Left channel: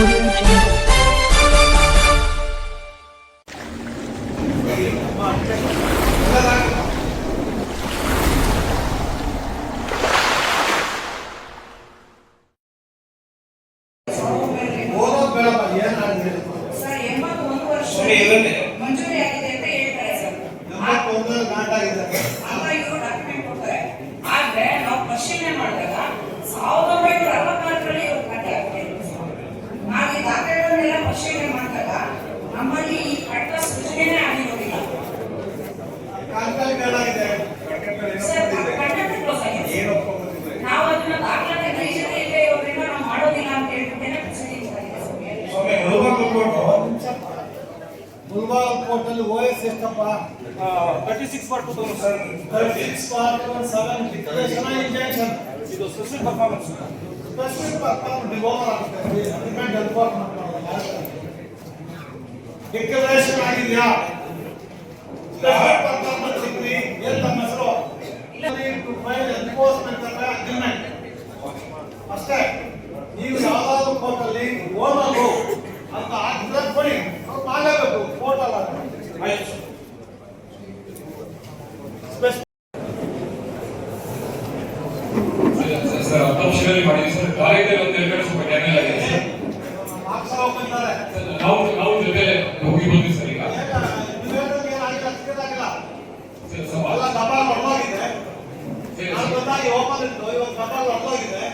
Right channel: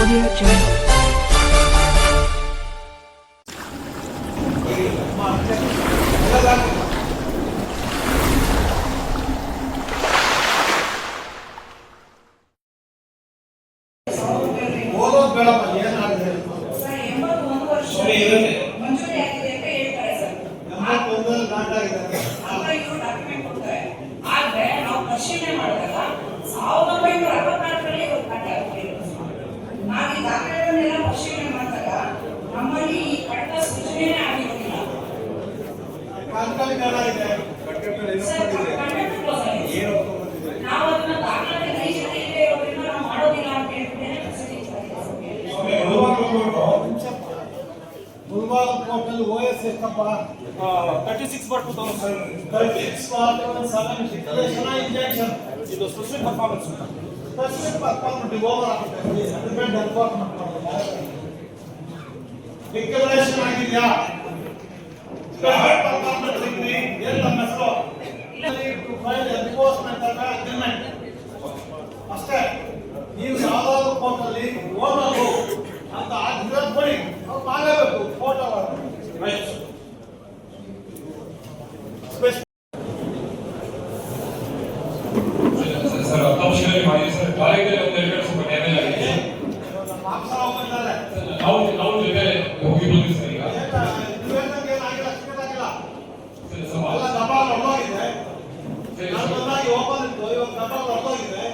Audio Jungle. ಪರಿಶೀಲನೆ ಮಾಡಿದಾಗ 1964ರಲ್ಲಿ ನಾವು ಈ ದಾಖಲೆಗಳನ್ನೆಲ್ಲ ಪರಿಶೀಲನೆ ಮಾಡಿದಾಗ ನಮ್ಮಲ್ಲಿ ಈ ಕಟ್ಟಡ ಸೃಜನೆನೇ ಆಗಿರೋದಿಲ್ಲ. ನಾವು ಅದನ್ನ ದಾಖಲೆ ನೈಜತೆ ಇಲ್ಲದೆ ಇರೋದ್ರಿಂದ ನಾವು ಮಾಡೋದಿಲ್ಲ ಅಂತ ಹೇಳ್ಬಿಟ್ಟೇನೆ ಮುಲ್ಬಾಲ್ ಕೋರ್ಟ್ ಅಲ್ಲಿ ಓಎಸ್ ಎಷ್ಟಪ್ಪ 36 bar 2000 sir 36 bar 7 declaration injection ಇದು ಸ್ಪೆಷಲ್ ಪರ್ಫಾರ್ಮೆನ್ಸ್ ಓವರ್ ಆಗುತ್ತೆ ಡಿಪೆಂಡ್ ಎನ್ಫೋರ್ಸ್ಮೆಂಟ್ ಡಿಕ್ಲೇರೇಷನ್ ಆಗಿದೆಯಾ ಸ್ಪೆಷಲ್ ಪರ್ಫಾರ್ಮೆನ್ಸ್ ಡಿಗ್ರಿ ಎಲ್ಲ ಹೆಸರು ಟು ಫೈಲ್ ಎನ್ಫೋರ್ಸ್ಮೆಂಟ್ ಅಗ್ರಿಮೆಂಟ್ ಅಷ್ಟೇ. ನೀವು ಯಾವ್ದಾದ್ರು ಕೋರ್ಟ್ ಅಲ್ಲಿ ಓದೋದು ಅಂತ ಆಗಿದ್ರೆ ಕೊಡಿ, ಅವ್ರು ಆಗಬೇಕು ಕೋರ್ಟ್ ಅಲ್ಲ. ಆಯ್ತು ಸರ್ ಅಪ್ಲಿಕೇಶನ್ ಮಾಡಿ ಸರ್ ಕಾಲೇಜಲ್ಲಿ ಒಂದು ಎರಡು ಸ್ವಲ್ಪ ಡ್ಯಾಮೇಜ್ ಆಗಿದೆ. ಮಾರ್ಕ್ಸ್ ಬಂದಾರೆ ನಾವು ಜೊತೆ ಹೋಗಿ ಬಂದ್ವಿ ಸರ್. ಈಗ ಎಲ್ಲ ಡಬ್ಬಾ ಹೊರಗಿದೆ, ಓಪನ್ ಇತ್ತು, ಇವಾಗ ಡಬ್ಬಾ ಹೊರಗಿದೆ,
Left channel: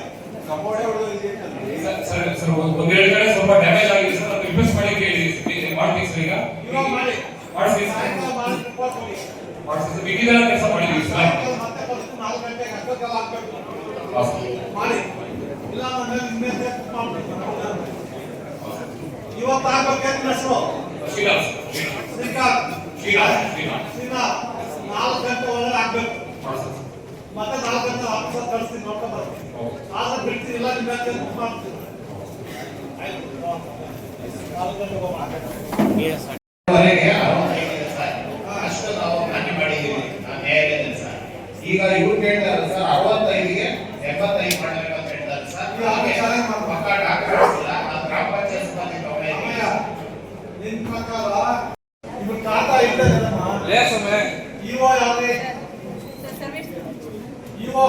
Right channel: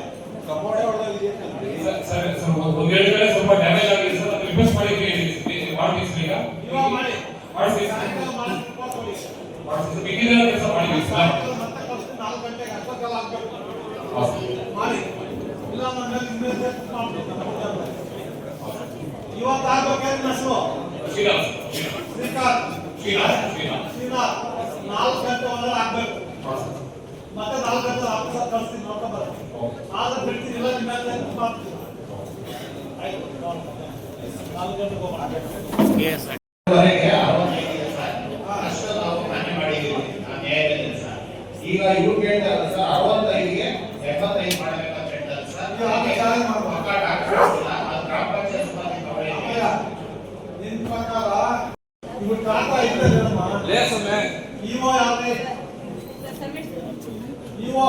ಕಬೋರ್ಡೆ ಹೊರಗಿದೆ ಸರ್. ಒಂದು ಎರಡು ಕಡೆ ಸ್ವಲ್ಪ ಡ್ಯಾಮೇಜ್ ಆಗಿದೆ ಸರ್, ಅದು ರಿಪೇರ್ ಮಾಡಿ ಮಾಡ್ತೀವಿ ಸರ್. ಈಗ ಇವಾಗ ಮಾಡಿ ಮಾಡಿಸಿ ಸರ್, ಬಿಗಿದ ಕೆಲಸ ಮಾಡಿದ್ವಿ ಸರ್. ಮತ್ತೆ 4 ಗಂಟೆಗೆ ಅಷ್ಟೊತ್ತೆಲ್ಲ ಆಗ್ಬೇಕು ಮಾಡಿ, ಇಲ್ಲ ಮೇಲೆ ಇವತ್ತು ಆಗ್ಬೇಕೇನು ಹೆಸರು ಶ್ರೀನಾಥ್ ಶ್ರೀಕಾಂತ್ ಶ್ರೀನಾಥ್ 4 ಗಂಟೆ ಒಳಗೆ ಆಗ್ಬೇಕು. ಮತ್ತೆ 4 ಗಂಟೆ ಆಫೀಸರ್ ಕಳಿಸ್ತೀನಿ, ನೋಡ್ಕೊಂಡು ಬರ್ತೀನಿ. ಆದ್ರೆ ಬಿಡ್ತೀನಿ, ಇಲ್ಲ ನಿಮ್ಮ ಮಾಡ್ತೀನಿ. ಆಯ್ತು 4 ಗಂಟೆಗೆ ಹೋಗೋಣ. ಅಷ್ಟು ನಾವು ಮಾನ್ಯ ಮಾಡಿದ್ದೀವಿ ನ್ಯಾಯಾಲಯದಲ್ಲಿ ಸರ್. ಈಗ ಇವ್ರು ಕೇಳ್ತಾರೆ ಸರ್ 65ಗೆ 75 ಮಾಡಬೇಕಂತ ಹೇಳ್ತಾರೆ ಸರ್. ಪಕ್ಕ ಡಾಕ್ಯುಮೆಂಟ್ಸ್ ಇಲ್ಲ, ಅದು ಗ್ರಾಮ ಪಂಚಾಯತ್ ಸಿಬ್ಬಂದಿ ತಗೊಳ್ಳಿ. ನಿಮ್ ಪ್ರಕಾರ ಇವ್ರ ಖಾತಾ ಇದ್ದೇನಮ್ಮ ಇಒ ಯಾವ್ದು ಇಒ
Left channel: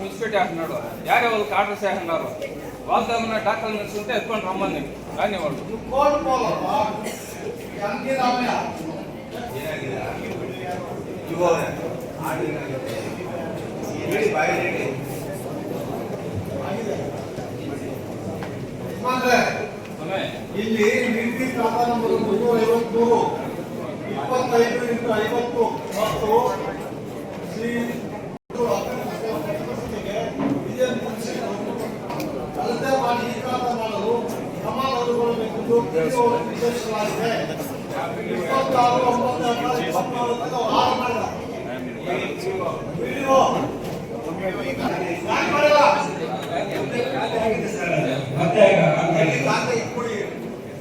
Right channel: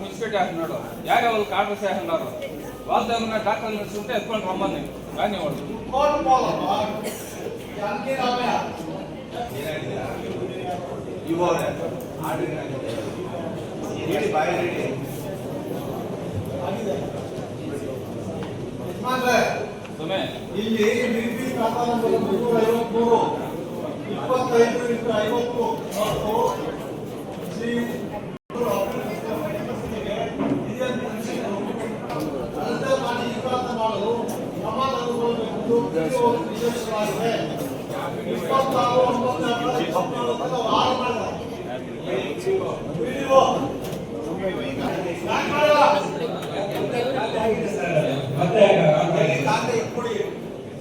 మున్సిపాలిటీ అంటున్నాడు యారే వాళ్ళు కాంట్రాక్ట్ చేస్తున్నారు వాళ్ళతో ఏమన్నా డాక్యుమెంట్స్ ఉంటే ఎత్తుకొని రమ్మని కానీ వాళ్ళు ಇಲ್ಲಿ ನಿಗದಿ ಖಾತಾ ನಂಬರ್ 353 25x50 ಮತ್ತು ಶ್ರೀ ಅಳತೆ ಮಾಡಿ ಈ ಖಾತಾ ಮಾಡಲು ಸಮಾನ ಅನುಗೊಳ್ಳಬೇಕೆಂದು ನಿರ್ದೇಶಿಸಲಾಗಿದೆ. 26/9/2024 ಆರು ಮಾಡಿದ ವಿಡಿಯೋ ಖಾತೆ ಕೊಡಿ,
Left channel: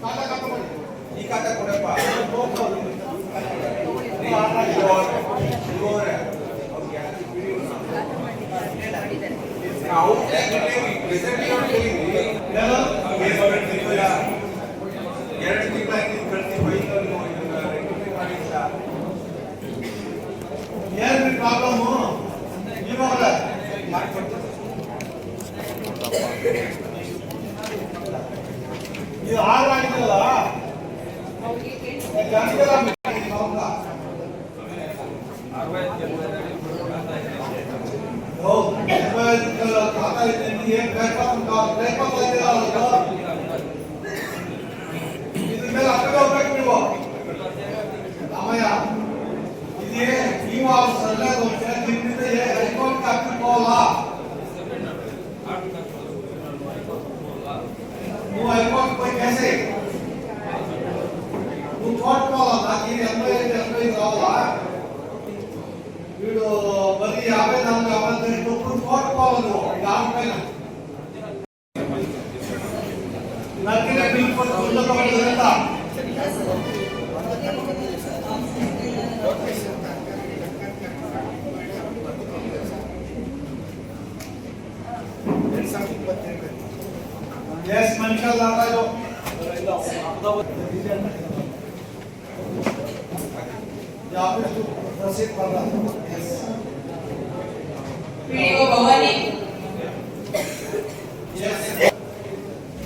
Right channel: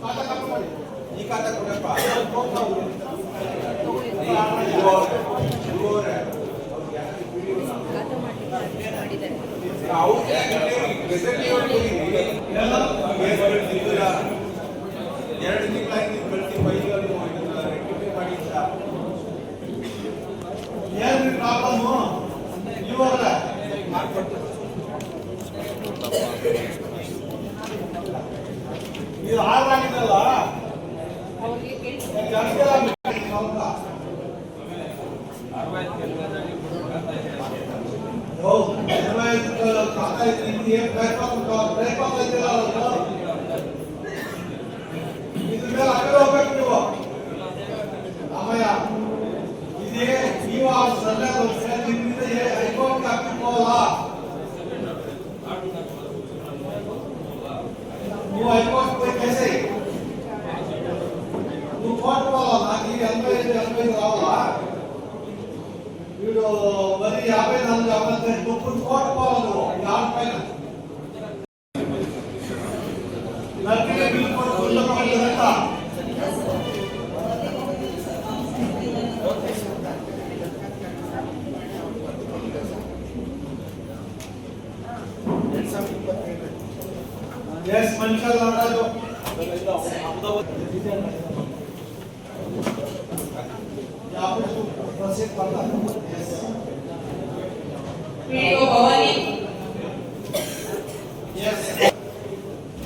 ಖಾತಾ ಖಾತೆ ಮಾಡಿ, ಈ ಖಾತೆ ಕೊಡಪ್ಪ ಏನು ಪ್ರಾಬ್ಲಮ್ಮು ಇವಾಗ ನೀವು ಹಾಗಾಗಿದ್ದಲ್ಲ ಖಾತಾ ಇದ್ರ ಮೇಲೆ ಆ ಕಡೆ ಹೋಗ್ಬೇಕು ನೀವು ರಾಮಯ್ಯ. ಇದೇ ನೀವು ಹೈಕೋರ್ಟ್ ಹಾಕಿಕೊಳ್ಳಲ್ಲ, ನೀವು ಹೈಕೋರ್ಟ್ ಹೋಗಿ कैसे ನೀವು ಕೋರ್ಟ್ ಹೋಗಲ್ಲ. ಈ 85 ರಾವಲ್ಲ వీడు మరి 54 కోర్టు పోవాలి. ಮನುಷ್ಯ ನಾಗರಾಜು ಪ್ರಸಿದ್ಧ ಬಂದ PDO ಭವಾನಿ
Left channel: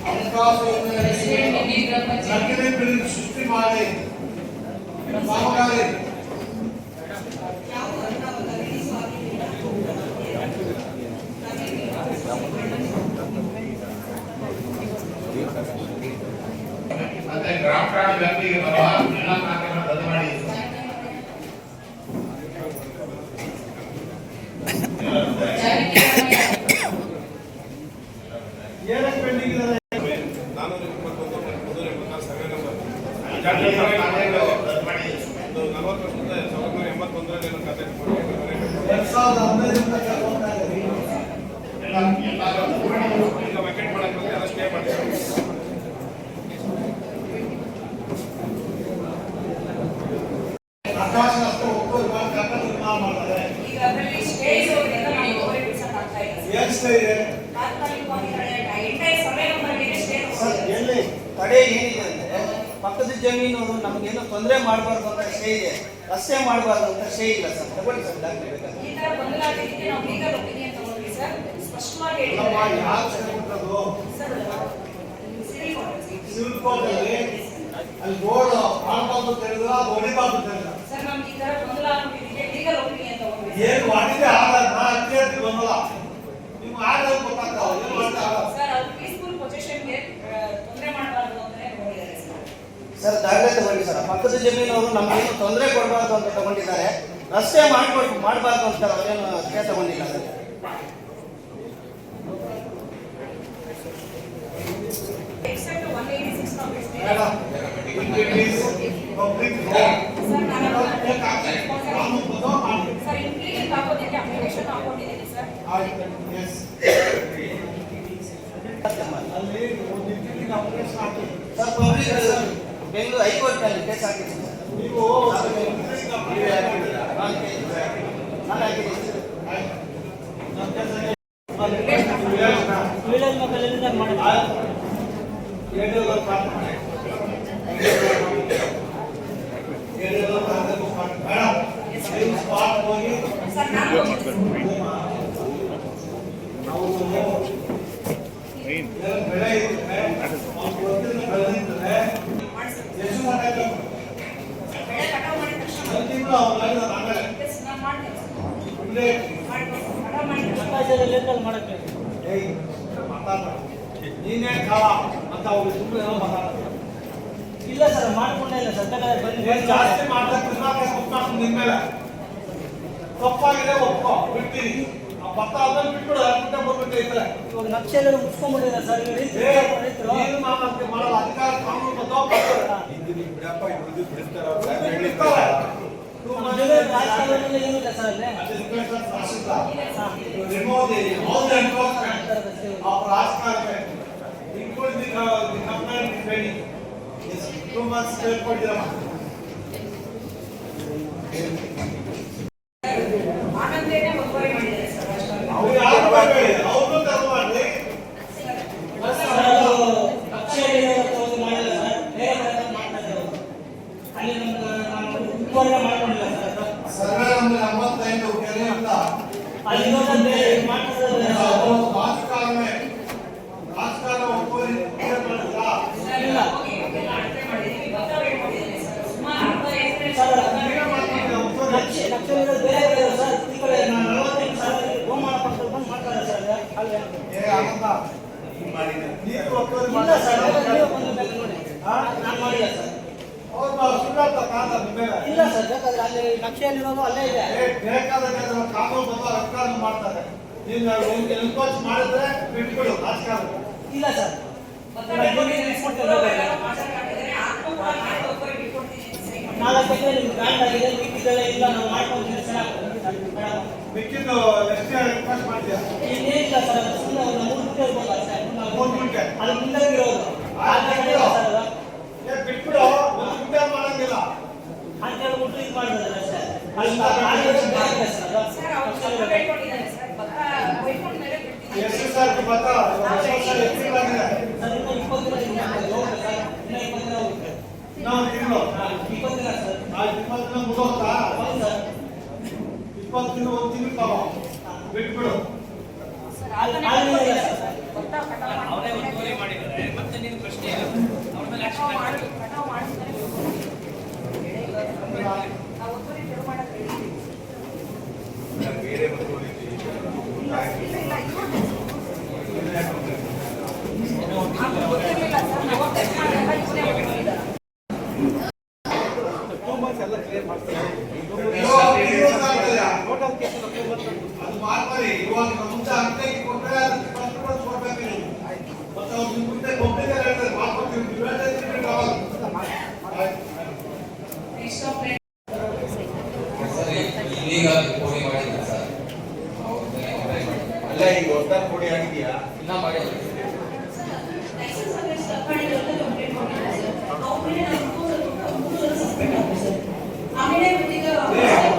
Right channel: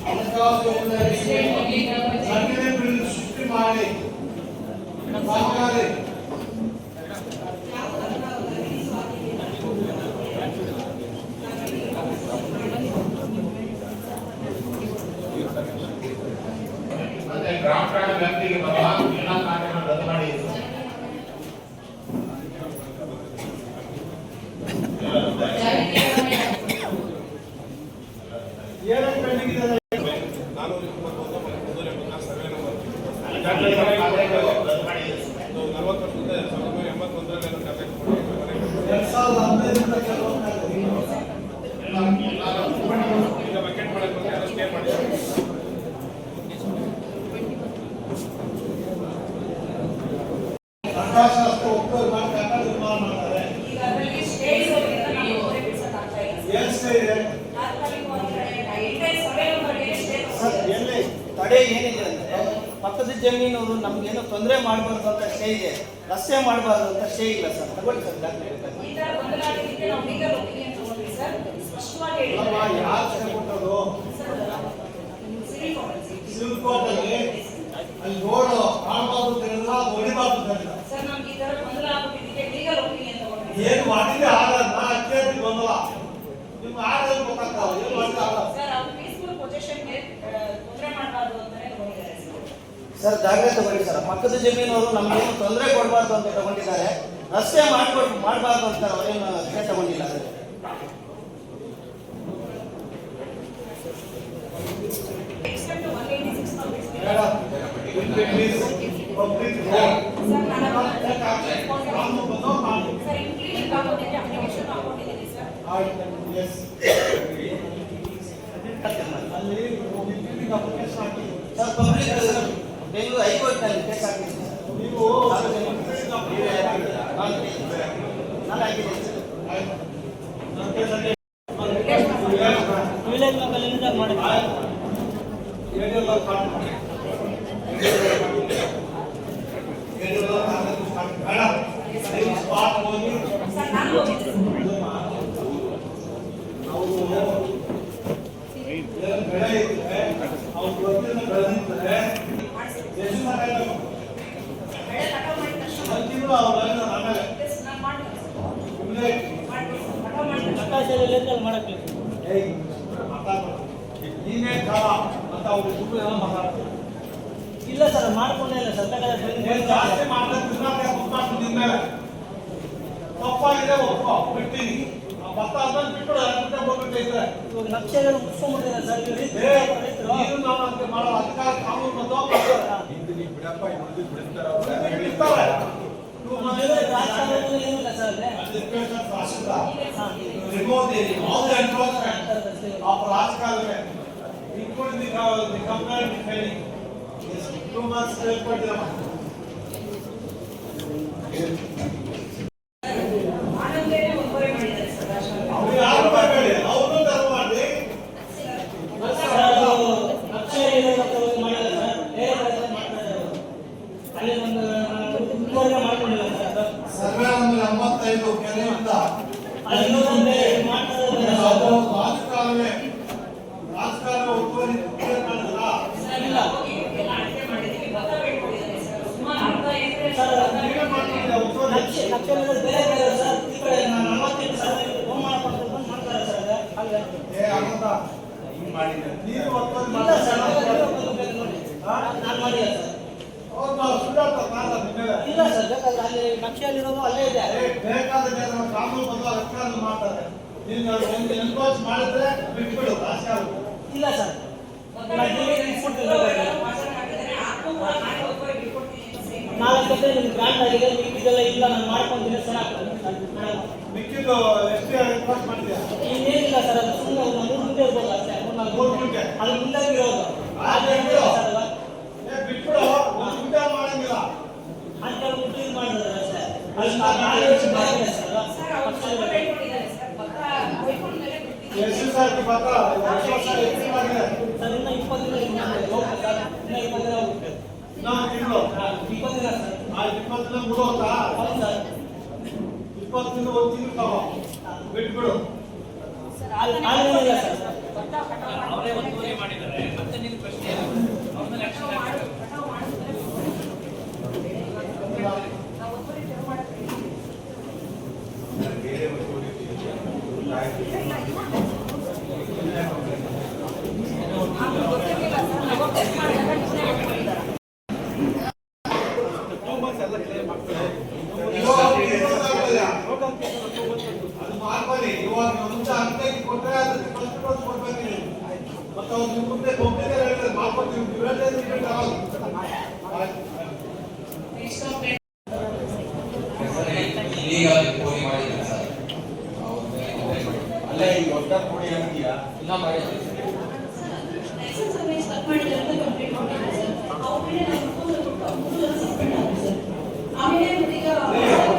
ಹಣಕಾಸು ಯೋಜನೆ ನಕಲಿ ಬಿಲ್ ಸೃಷ್ಟಿ ಮಾಡಿ ಕಾಮಗಾರಿ ಮತ್ತೆ ಡ್ರಾಫ್ಟ್ ಕಾರ್ಡ್ ವ್ಯಕ್ತಿಗೆ ಬರುವ ಎಲ್ಲ ಕಾರ್ಯಗಳನ್ನು ರದ್ದು ಮಾಡಿದ್ರು. ಏನಕ್ಕೆ ಪೆಂಡಿಂಗ್ ಇದೆ? ಕಾರ್ಯಗಳು ರದ್ದು ಮಾಡಿದ್ರು. 2015 ಕೆಲವೊಂದು ಎಲ್ಲ ರದ್ದು ಮಾಡಿದ್ರು. ಆಕಾಶ ಅಷ್ಟು ಒಪ್ಪೋದು ಮಾಡಿ ಕಟ್ಟ ನಿರ್ಮಾಣ ಮಾಡ್ತಾರೆ. ಈಗ ಅದರಲ್ಲಿ ಸ್ಟೇ ಇರೋದ್ರಿಂದ ನಾವು ಒಬ್ಬರೇ ಬಿಡಿಸಕ್ಕಾಗ್ತಾ ಇಲ್ಲ ಸರ್. ಏನ್ ಸ್ಟೇ ಇದೆ? ತಾತ್ಕಾಲಿಕವಾಗಿ ಎಂಟೈರ್ ಸರ್ವೆ ನಂಬರ್ಗೆ ಸ್ಟೇ ಸರ್, ತಗೊಂಡಿದ್ದಾರೆ. ಎಲ್ಲಿ ತಡೆ ಏನಿದೆ ಅಂದ್ರೆ ಪಕ್ಕದ ಜಮೀನು ನಮ್ಗೇನು ತೊಂದರೆ ಮಾಡಬಾರ್ದು ಅಂತ ಸ್ಟೇ ಇದೆ, ರಸ್ತೆ ಮಾಡಬಾರ್ದು ಅಂತ ಸ್ಟೇ ಇಲ್ಲ ಸರ್. ತಗೊಳ್ಳಿ ಸರ್, ದಾಖಲೆ ಬೇಕಾದ್ರೆ. ಈ ತರ ಗೊಂದಲ ಆಗಿದ್ದಕ್ಕೆ ನಾವು ಲೀಗಲ್ ಒಪಿನಿಯನ್ ತಗೊಂಡ್ವಿ ಸರ್. ಸ್ಪಷ್ಟವಾಗಿ ಅಲ್ಲಮ್ಮ, ಹೇಳಿದ್ದಾರೆ ಯಾರು ಸ್ಟೇ ಕೊಟ್ಟದ್ದು? ಸರ್. Civil court. ಸಿವಿಲ್ ಕೋರ್ಟಲ್ಲಿ ಅಲ್ಲಿ ಬೋರ್ಡ್ ಮಾಡಬಾರ್ದು ಅಂತ ಹೇಳಿದ್ರೆ ಅದು ಹೊಡಿಬಾರ್ದು ಅಂತ ಹೇಳಿದ್ರೆ ಸರ್ ನಮ್ಗೆ ಈ ತರ ಗೊಂದಲ ಆಗಿದ್ದಕ್ಕೆ ಲೀಗಲ್ ಒಪಿನಿಯನ್ ತಗೊಂಡ್ವಿ ಸರ್. ಏನು ಮಾಡಿದ್ರೆ ಆಗಲ್ಲ. ಅಭ್ಯರ್ಥಿ ಬಂದಲ್ಲ ನಿಮ್ಗೆ ಆಗಲ್ಲ ಗೊತ್ತಾಗ್ತಲ್ಲ. ಏನು ಮಾಡಿದ್ರೆ ಆಗಲ್ಲ. ಸರ್ ಅದು ಪೀಸ್ಫುಲ್ ಪೊಸಿಷನ್ಗೆ ತೊಂದರೆ ಮಾಡಬಾರ್ದು ಅಂತಾನೆ ತಗೊಂಡಿದ್ದಾರೆ ಸರ್. ಸರ್ ದಾಖಲೆ ತಗೊಳ್ಳಿ ಸರ್. ಪಕ್ಕದ ಜಮೀನವರು ನಮ್ಗೇನು ತೊಂದರೆ ಕೊಡಬಾರ್ದು ಅಂತ ತಗೊಂಡಿದ್ದಾರೆ, ರಸ್ತೆ ಮಾಡಬಾರ್ದು ಅಂತ ಅವರೇನು ಸ್ಟೇ ತಗೊಂಡಿಲ್ಲ ಅದಕ್ಕೆ. Except 186 ನಾವು It is public road. Sir ನಾನು ಕಾನೂನು ಬದ್ಧ ಮಾಡಿ. ಸರ್ ಇಂಪ್ಲಿಮೆಂಟ್ ಹಾಕೋದಕ್ಕೆ ಅಪ್ಲಿಕೇಶನ್ ಹಾಕೊಂಡಿದ್ದೀನಿ ಸರ್. ಆಯ್ತು. Yes. ಅಲ್ಲಿ ಮೀಟಿಂಗ್ ಅಪ್ಲಿಕೇಶನ್ ಹಾಕಿ. ಸರ್ ಪಬ್ಲಿಕ್ ಬೆಂಗಳೂರು ಹೈಕೋರ್ಟ್ನಲ್ಲಿ ಕೇಸ್ ಹಾಕಿದ್ದೀನಿ ಸರ್. ನೀವು ಮೀಟಿಂಗ್ ಅಪ್ಲಿಕೇಶನ್ ಹಾಕಿದ್ದೀರಾ? ನಾನು ಹಾಕಿದ್ದೀನಿ ಸರ್. ಆಯ್ತು. ನಮ್ಮ ಕೇಸಲ್ಲಿ ಸರ್ ನಾನು ಹೋಗಿದ್ದೆ ಬೆಳೆ ಕಟಾವ್ ಮಾಡಿದ ತಕ್ಷಣ ಎಸ್ ನಾನು ಮಾಡ್ತೀನಿ ಕಟಾವ್ ಮಾಡಿದ ತಕ್ಷಣ ನೀನೇ ಕಾಮ ಅಂತ ಅವ್ರು ಸುಮ್ಮನೆ ಮಾತಾಡ್ತಾರೆ. ಇಲ್ಲ ಸರ್, ಮಾಡ್ಕೊಂಡೇ ಇಲ್ಲ ಸರ್. ನೀನ್ ಜಾಸ್ತಿ ಮಾಡ್ಕೊಂಡು ನಿನ್ ಮೇಲೆ ತಪ್ಪಾಗಿದೆ ಒಪ್ಪ ಬಿಡ್ತೀನಿ. ಆ ಭತ್ತ ಅದನ್ನ ಬಿಟ್ಬಿಡು, ಬಿಟ್ಟ ಬರ್ಬಿಟ್ಟೈತೆ. ಇವಾಗ ನಕ್ಷೆಗಳು ಮುಚ್ಕೊಂಡ್ಬಿಟ್ಟಿದ್ದಾರೆ ಸರ್. ರೈತರು ನೀನು ನಾನಂತೆ ಮಾಡೋ ಅಧಿಕಾರ ಕಾನೂನು ರಾಜಕಾರಣದಲ್ಲಿ ಏನೂ ಇಲ್ಲ ಸರ್ ಅಲ್ಲಿ. ರಾಜಕಾರಣ ಆನಂದೇನೆ ಒಬ್ಬರೇ ಮಾಡಿದ್ದಾರೆ ಸರ್ ರಾಜಕಾರಣ. ಅವ್ರು ಯಾರು ಮಾಡಬೇಡಿ, ಅವ್ರನ್ನೂ ತರ ಮಾಡಿ. ಮಾಡಿಲ್ಲ ಸರ್, ಬೇರೆ ಕಡೆ ಮಾಡ್ತಾರೆ ಅವರು. ಅಲ್ಲಿ ನಮ್ದು ಉಪಯೋಗ ಮಾಡ್ಕೊಂಡಿಲ್ಲ ಸರ್ ಅದು. ಸರ್ವೆ ನಂಬರ್ 85 ಕೆರೆಯಿಂದ ಅಲ್ಲಿ ಇನ್ನೊಂದು ಮಾಡ್ತಾರೆ ರಾಜಕಾರಣವೇ ರಾಜಕಾರಣ ಒಬ್ಬರು ಇಲ್ಲ ಹೋಗಿ ಎಲ್ಲ ಅಳತೆ ಮಾಡಿದ್ದೀವಿ, ಪತ್ರ ಇಟ್ಕೊಂಡಿದ್ದೀನಿ ಸರ್. ಸುಮಾರು 45 ಸರ್ ನಕ್ಷೆಗಳು ಬೇರೆ ಕಡೆ ಸರ್. ಈ ಕಡೆ 45 ಸಾವಿರ ಗೋಮಾಳ ಪಕ್ಕದಲ್ಲಿ ಬಂದು ಮಾಡ್ತಾರೆ ಸರ್ ಅದು. ಅಲ್ಲೇ ನೀರು ಒಬ್ಬರು ಇಲ್ಲ ಸರ್, ನೋಡಿ ನಾನು ಮಾಡಿಲ್ಲ ಸರ್. ಸುಳ್ಳಾಡ್ತ ಕಾಲ ಮೇಲೆ ಇಲ್ಲ ಸರ್, ಬೇಕಾದ್ರೆ ಅಲ್ಲಿ ನಕ್ಷೆಯಲ್ಲಿರೋದು ಅಲ್ಲೇ ಇದೆ. ಬೇಕಾದ ಕಾನೂನು ಬಂದ ರಾಜಕಾರಣ ಮಾಡ್ತಾರೆ. ನೀನು ಎನ್ಕೋಚ್ ಮಾಡಿದ್ರೆ ಬಿಟ್ಬಿಡು ರಾಜಕಾರಣ. ಇಲ್ಲ ಸರ್, ನಾಲ್ಕು ಎಕರೆ ನಿಮ್ಗೆ ಗ್ರಾಂಟ್ ಆಗಿದೆ, ಮಿಕ್ಕಿದೆಲ್ಲ ಇಲ್ಲ ನಾನು ಮಾಡ್ಕೊಂತೀನಿ ಸರ್. ಮಿಕ್ಕಿದ್ದು ಎಷ್ಟು ಎನ್ಕೋಚ್ ಮಾಡಿದ್ಯಾ? ಇನ್ನೇನಿಲ್ಲ ಸರ್, ಅದು ಸುಮ್ಮನೆ ಒಂದು 3 ಗುಂಟೆ ಇರ್ಬೋದು ಅಷ್ಟೇ. 3 ಗುಂಟೆ ಅದು ಮುಂದಾಗಿರೋದು ಸರ್ ಅದು. ಬಿಟ್ಬಿಡು, ಮುಂದೆ ಮಾಡಂಗಿಲ್ಲ. ಅಂತ ಹೇಳ್ಬಿಟ್ಟು ಇದು ಮಾಡಿದ್ರೆ ಅಷ್ಟೇ. ಅಲ್ಲಿ ಬೇರೆ ಸರ್ ಅದು. ಸರ್ ಅವ್ರು ಸ್ವಲ್ಪ ಬೇಡ್ಕೊಂಡಿದ್ದಾರೆ ಸರ್. ಪತ್ರ ಬೈಕೊಂಡ ಮೇಲೆ ಬಿಡ್ತಿದ್ದೀವಿ. ಎಷ್ಟು ಸಾವಿರ ಬರ್ತಾ ವರ್ಷ ಎಷ್ಟು ಆಗಿದೆ? ಸರ್ ಇನ್ನು ನಾನು ತಿಂಗಳು ಇಪ್ಪತ್ತಿನ ಸರ್. ಆ 20 ದಿನ ಮುಗಿದೋತಾ ಹೌದು ಸರ್. 20 ದಿನ ಒಂದು ತಿಂಗಳು ತಗೋ ಬಿಟ್ಬಿಡು. ಆಗಿಲ್ಲ ಸರ್. ಅವರೇ ಒತ್ತುವರಿ ಮಾಡಿದ್ದಾರೆ ಮತ್ತೆ ನೀನು ಪ್ರಶ್ನೆ ಅವ್ರ ಮೇಲೆ action ಆಗ್ಬೇಕು. ಅದು ಮಾಡ್ಬಾರಿ. ಇವಾಗ ಮುಂಚೆ ಅಂಗಡಿಗೆ ಕೊಟ್ಟರೆ ಅದಕ್ಕೆ ಫಸ್ಟ್ ಪ್ರೈಸ್ ಕೊಡ್ಬೇಕು ನೀವು. ಮತ್ತೆ ಅವ್ರು ನಿಮ್ಮ ಮುಂದೆ ಒಪ್ಪಿಗೆ ಹೇಳ್ತಾರೆ ಮಾಡ್ಕೊಡ್ತೀವಿ. ನೀವು ಹೇಳ್ತಾ ಇದ್ರೆ ರಿಪೀಟ್ ಆಗಲ್ಲ. ಈಗ ಪೋಡಿ ಮಾಡಿಲ್ಲ ಸರ್ ಅವ್ರ ಮೇಲೆ ಕಂಪ್ಲೇಂಟ್ ಮಾಡಿ ಅಲ್ಲೇ ಈಗ ಹೊಸ ಪುಡಿ ಹಾಕಿದೀರಾ? ಇನ್ನ ಮಾಡಿ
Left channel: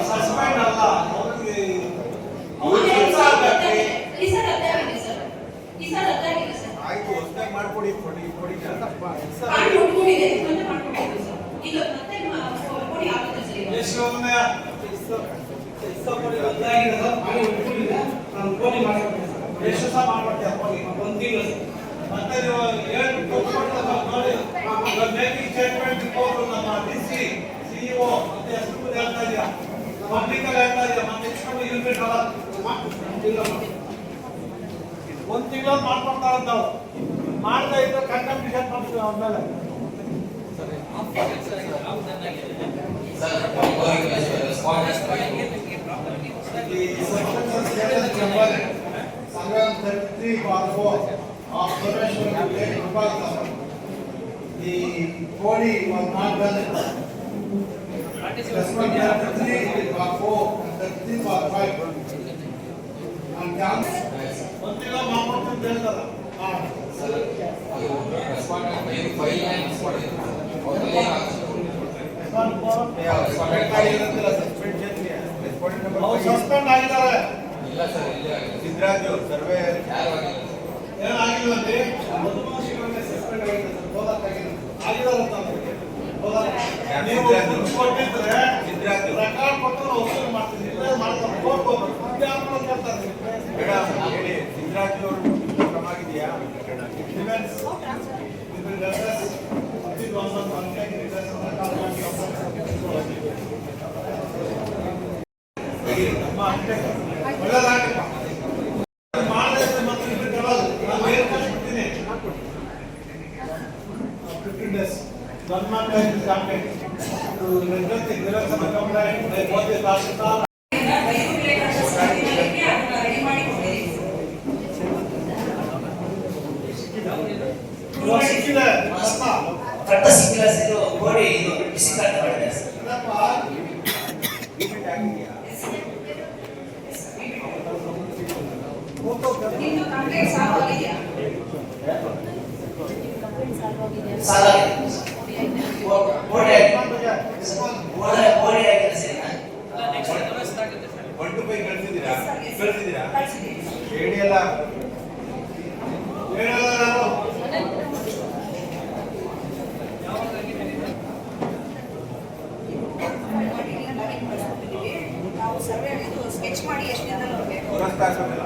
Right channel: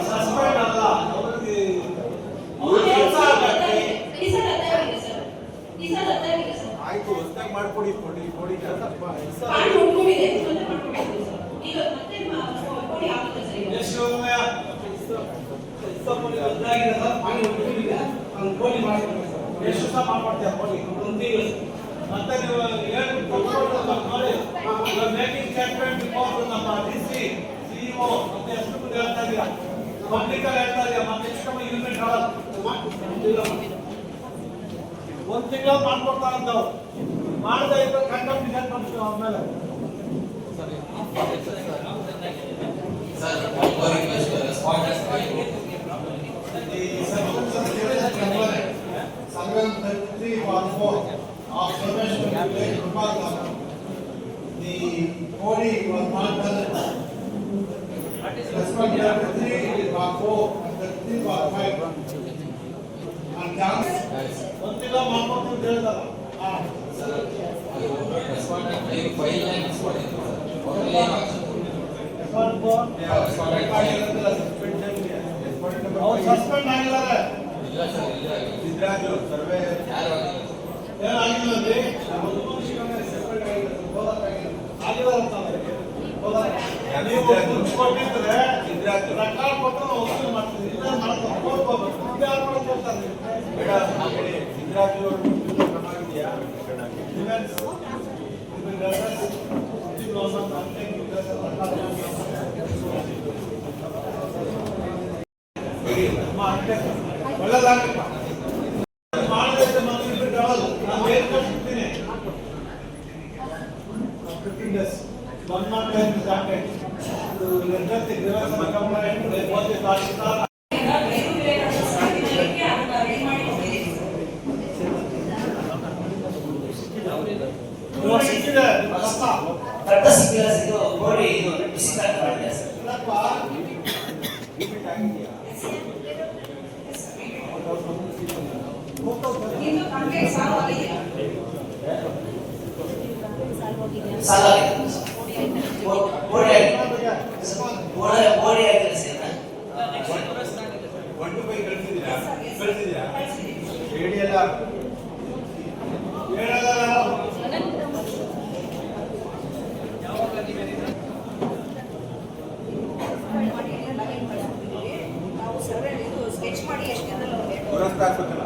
ಸಸ್ಪೆಂಡ್ ಅಲ್ಲ ಅವ್ರಿಗೆ ಅವ್ರ ಕೆಲಸ ಆಗಕ್ಕೆ ಆಯ್ತು ಹೊಸದಾಗಿ ಮಾಡ್ಕೊಡಿ ಕೊಡಿ ಎಷ್ಟು ಯೋಜನೆ ನಾನು ಫೋನ್ ಮಾಡ್ತೀನಿ ಸರ್. ಎಷ್ಟು ಸಹ ಮಾಡ್ಕೊಡ್ತೀಯ ಕೊಡಿ. ಒಂದು ತಿಂಗಳು ಮತ್ತೆ ನೀವು ಹೇಳ್ಬಿಟ್ಟು ನೋಡಿ ಮೇಕಿಂಗ್ ಸ್ಟೇಟ್ಮೆಂಟ್ ಕೊಟ್ಟು ನಮ್ಮ ಡಿಸಿ ಸಿಇಒ ಮತ್ತೆ ಎಷ್ಟು ಮಂದಿ ಹೇಳ್ತಾ ಇದೆಯಾ ಪಬ್ಲಿಕ್ ಹೇಳ್ತಾ ಇದೆಯಾ ಮತ್ತೆ ಎಷ್ಟು ಯೂನಿಟ್ ಒಂದು ತಿಂಗಳು ಮಾಡ್ಕೊಡ್ತಾ ಇದ್ದಾವೆ ಮಾಡದೇ ಇದ್ರೆ ಕಂಡಕ್ಟ್ ಮಾಡ್ತೀವಿ ಆದ್ಮೇಲೆ sir response Section 33/4 of Professional Related Department. The body was not done. Section 33/4 and 33/5. On grounds. ಒಂದು ತಿಂಗಳು ಮಾಡ್ಕೊಡ್ತೀವಿ ಅಂತ ಹೇಳಿದಾರ. ರೆಸ್ಪಾಂಡೆಂಟ್ ಫೈಲ್ ಮಿಸ್ ಮಾಡಿದ್ರು ಅವ್ರಲ್ಲಿ ಏನಾಗ್ತದೆ ಅವ್ರು ಸಸ್ಪೆಂಡ್ ಆಗಿದ್ದಾರೆ. ಇಲ್ಲ ಸರ್ ಇಲ್ಲೇ ಆಗಿದೆ ಸಿದ್ದರಾಜು ಸರ್ವೆ ಯಾರು ಆಗಿಲ್ಲ ಸರ್ ಏನಾಗಿಲ್ಲ ಅಂದ್ರೆ ಆಗಿದ್ದಾರೆ ಅಂತ ಅವ್ರಿಗೆ. ನೀವು ದುಡ್ಡು ಕೊಟ್ಟಿದ್ರೆ ಸಿದ್ದರಾಜು ರೆಕಾರ್ಡ್ ಕೊಟ್ಟು ನಾವು ವಸೂಲಿ ಮಾಡ್ತೀವಿ. ಇಲ್ಲೇ ಮಾಡ್ತಾರೆ ಹೋಗ್ಬೋದು. ಇದು ಯಾರು ಮಾಡೋದು ಹೇಳ್ತಾರೆ ಮೇಡಮ್ ಹೇಳಿ ಸಿದ್ದರಾಜು ಅವರು ಕ್ರಮ ಆಗಿದೆಯಾ? ಒಳ್ಳೆದಾಗಪ್ಪ ಮಾಡದೇ ಇದ್ರೆ ಮತ್ತೆ ರಿಪೀಟ್ ಆಗಲ್ಲ. ನಾನು ಏನು ಕೊಟ್ಬಿಡ್ತೀನಿ 15 days ಬಂದ್ ಮಾಡ್ತೀನಿ ಕಾಂಟ್ಯಾಕ್ಟ್ ನಿರ್ಗತಿ ನಿರಸನ ಗಮನ ಇಟ್ಟು ಓದಿ ತಹಶೀಲ್ದಾರ್ ಇವಾಗ ಸಿಕ್ಕಿದೆ ಅಪ್ಪ ಕಟ್ಟ ಸಿಕ್ಕಿಲ್ಲ ಸರ್ ಇದು ಗೋಡಿ ಇದು ಬಿಸಿ ಕಾಟ್ ಮಾಡಿದೆ ಸರ್ ಏನಪ್ಪ ರಿಪೀಟ್ ಆಗಿದೆಯಾ? ನಿಮ್ದು ಕಂಪ್ಲೇಂಟ್ ಸಾಲ್ವ್ ಆಗಿದೆಯಾ? ಸಾಲ ಗೋಡಿ ಗೋಡಿ ಆಗಿದೆ ಸರ್ ಒಂದು ಬೈ ಕಳಿಸಿದ್ದೀರಾ? ಹೇಳಿ ಅಲ್ಲ ಹೇಳಲ್ಲ ನಾನು ನಾವು ಸರ್ವೆ ಇದು ಸ್ಕೆಚ್ ಮಾಡಿ ಎಷ್ಟು ದಿನದಲ್ಲಿ ಹೋಗ್ಬೇಕು? ಪುರಸ್ಕಾರ ಬೇಕಲ್ಲ?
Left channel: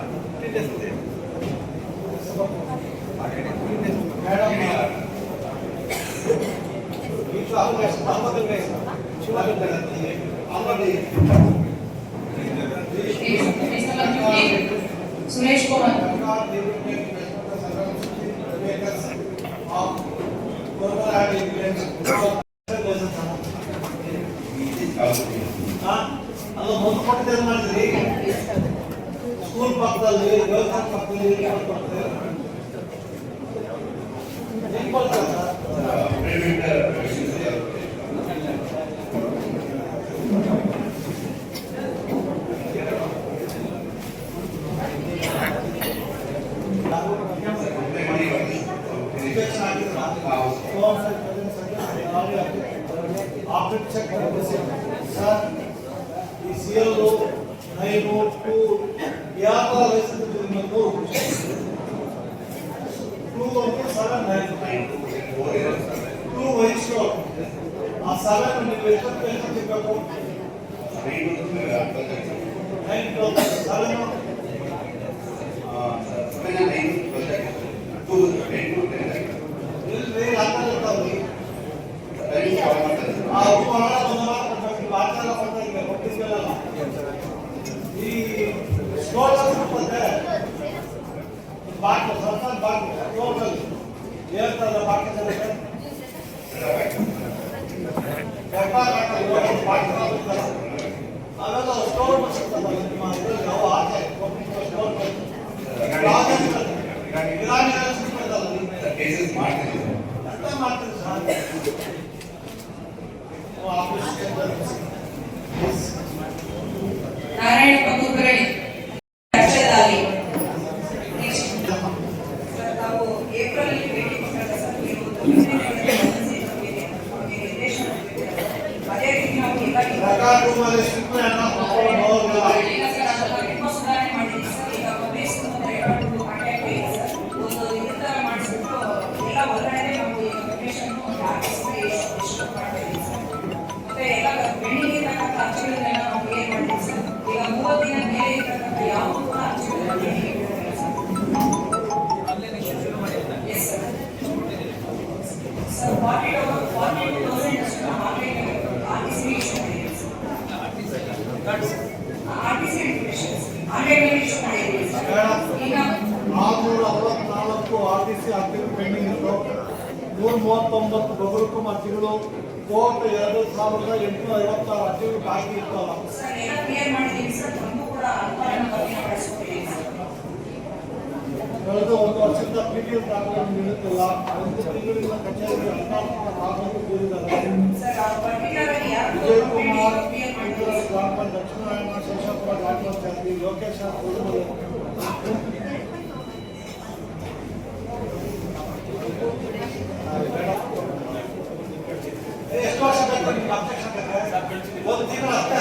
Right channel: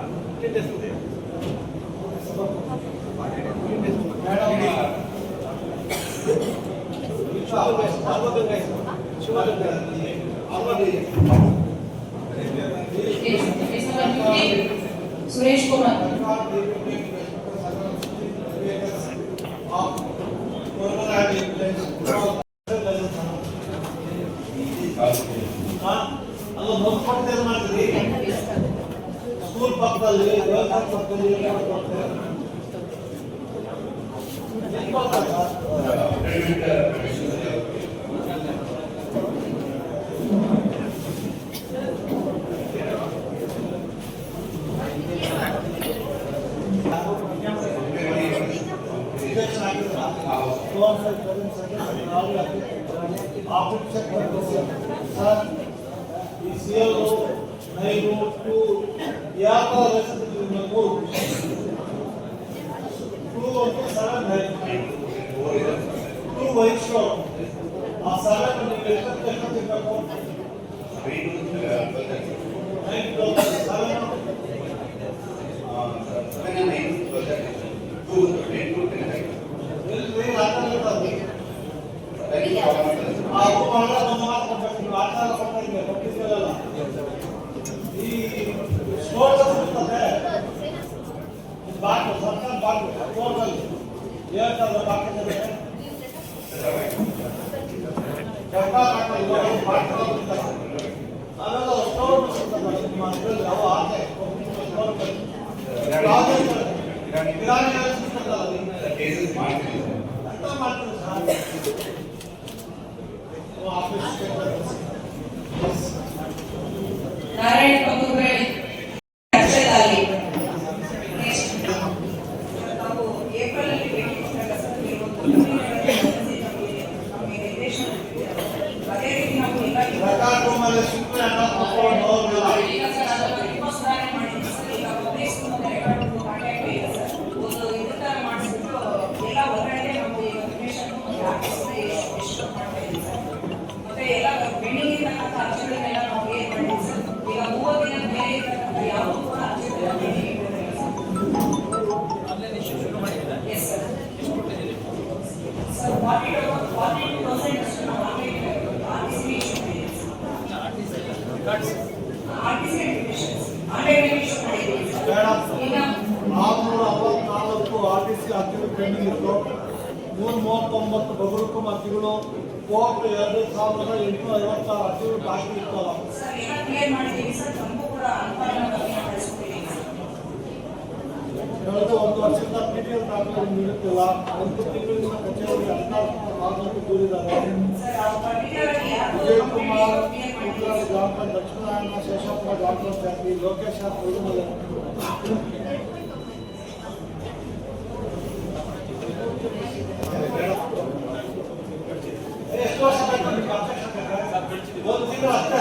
ಸುರೇಶ್ ಕುಮಾರ್ ಅದು ಮೊದಲು ಕೊಟ್ಟಿದ್ದು ಏನು ಮಾಡ್ತೀರಿ? ಸ್ಕೂಲ್ ಪಕ್ಕದಲ್ಲಿ ದೇವಸ್ಥಾನ ಪಕ್ಕದಲ್ಲಿ ಏನು ಕೊಡ್ತಾರೆ? ಏನು ಕೊಡ್ತಾರೆ ಸರ್? ಈ ಸಿಎಲ್ ನೈನು ಟೂ ಯಾವ ಲೈಸೆನ್ಸ್ ನಿಮಗೆ 3 2 1 7 9 ಎಷ್ಟೊತ್ತಿರ್ಬೇಕು? ನೈಟ್ 12 ಇಲ್ರಿ, ಆ ಉಪಹಾರ ಒಂದು ಮಾತು ಕೊಡ್ಬೇಕು. ನೀವು ಆಚಾರ ಕೊಡ್ತಾ ಇದ್ದೀವಿ ಪಬ್ಲಿಕ್ಗೆಲ್ಲ. ಈ ಸ್ಟೋರ್ ಇರ್ತದೆ ಬಾಟ್ಲು, ಸರ್ಕಾರ ಬಾಟ್ಲು ಸ್ಟೋರ್ನಲ್ಲಿ ಹೇಳ್ತಾರೆ ಬಾಟ್ಲು ಅವೆಲ್ಲ ಸ್ಟೋರ್ ಸಿಗ್ತದೆ ನಿಮ್ಮ ಇದರಲ್ಲಿ ಯಾವ ಆಸೆ ಸ್ಟೋರ್ ಗಿರಾಣಿಗಳು ಸಿಗ್ತದಲ್ಲ ಅಂತ ಮಾಡ್ತೀವಿ ಸರ್ ಆಫೀಸ್ ನಾರಾಯಣ ಪಂಗುರೆ ಅಕ್ಷತಾಲಿ ನಾವು ಏಪ್ರಿಲ್ ಅಲ್ಲಿ ಭೇಟಿ ಕೊಟ್ಟಾಗ ಸರ್ ಅದೇ ರೀತಿ ನಾವು ಸರ್ಕಾರ ರೂಮಲ್ಲಿ ಸಿಕ್ಕು ಎಲ್ಲ ತಗೊಂಡು ಹೋಗಿಲ್ಲ. ಈಗ ಸರ್ ಅದನ್ನು ರಿಪೋಸ್ಟಾನೆ ಮಾಡಿದ್ದೀವಿ ಸರ್. ಈಗ ಪೊಲೀಸ್ ಕಾಂಟ್ಯಾಕ್ಟ್ ಇಲ್ಲ ಸರ್. ಒಂದು ಈ ಥರ ಮಾಡಿಸ್ಬಿಟ್ಟು ಎಲ್ಲ ಹೊರಗಡೆ ನಾವು ಈಗ ಕೊಟೇಶನ್ ಎಷ್ಟು ಮಾಡ್ತಾ ಇದ್ದೀವಿ ಸರ್. ಮತ್ತೆ ಎಲ್ಲ ಪೆಂಡಿಂಗ್ ಇರ್ತಕ್ಕಂಥ ಅರ್ಜಿಗಳನ್ನೆಲ್ಲ ನಾವು ಏನು ಮಾಡಿದ್ದೀವಿ ಸರ್. ಈಗ 30 ದಿನ ಮೇಲೆ ಇರ್ತಕ್ಕಂಥ ಯಾವುದೂ ಕೂಡ ಅರ್ಜಿಗಳನ್ನ ಪೆಂಡಿಂಗ್ ಇಟ್ಟಿರಲಿಲ್ಲ ಸರ್. Yes sir. ಸರ್ 42% ಅಷ್ಟು ನಾವು ಆನ್ಲೈನ್ RTC ಇಶ್ಯೂ ಮಾಡಿದ್ದೀವಿ ಸರ್. RTC ಆನ್ಲೈನ್ ಇಶ್ಯೂ ಮಾಡಿದ್ದೀವಿ ಸರ್. ಈಗ 464 RTC ಅರ್ಜಿಗಳು ಪೆಂಡಿಂಗ್ ಇತ್ತು. 139 ಬಗರುಕುಂ ಅರ್ಜಿಗಳು ಟೋಟಲ್ 2856 ಅರ್ಜಿಗಳು ಬಾಕಿ ಇತ್ತಲ್ಲ. ಸರ್ ಎಲ್ಲ ಕ್ಲಿಯರ್ ಮಾಡಿದ್ದೀವಿ ಸರ್. ನಮಗೂ ಕೂಡ ಅನುಪಾಲನ ಬಗ್ಗೆ ಕಳಿಸ್ಕೊಟ್ಟಿದ್ದೀವಿ ಸರ್. ಕಳೆದ ಒಂದು ವರ್ಷದಿಂದ PDL ದಾಖಲೆ ನೀಡುತ್ತಿಲ್ಲ. ಒಂದು ತಿಂಗಳಿಂದ ಕಚೇರಿ 14 ನಾಗರಿಕ ದೂರಿದ್ದಾರೆ. ಸರ್ ಅದು ಪರ್ಟಿಕ್ಯುಲರ್ ಆಗಿ ಯಾರು ವಿಜಯಕುಮಾರ್ ಕ್ಲಿಯರ್ ಮಾಡಿದ್ದೀವಿ ಸರ್. ಗ್ರಾಮ ಲಕ್ಷ್ಮೀನಾರಾಯಣ ಶೇಷಾಪುರ ಗ್ರಾಮ ಪಂಚಾಯತಿ ಲೋಕೇಶ ಕುರುಮಲೆ ಎಷ್ಟು ವರ್ಷ ಬೇಕು ನಿಮ್ಗೆ ಅಪೇಕ್ಷೆ ಬೇಕಾದ್ರೆ? ಒಂದು ತಿಂಗಳು ಅಷ್ಟೇ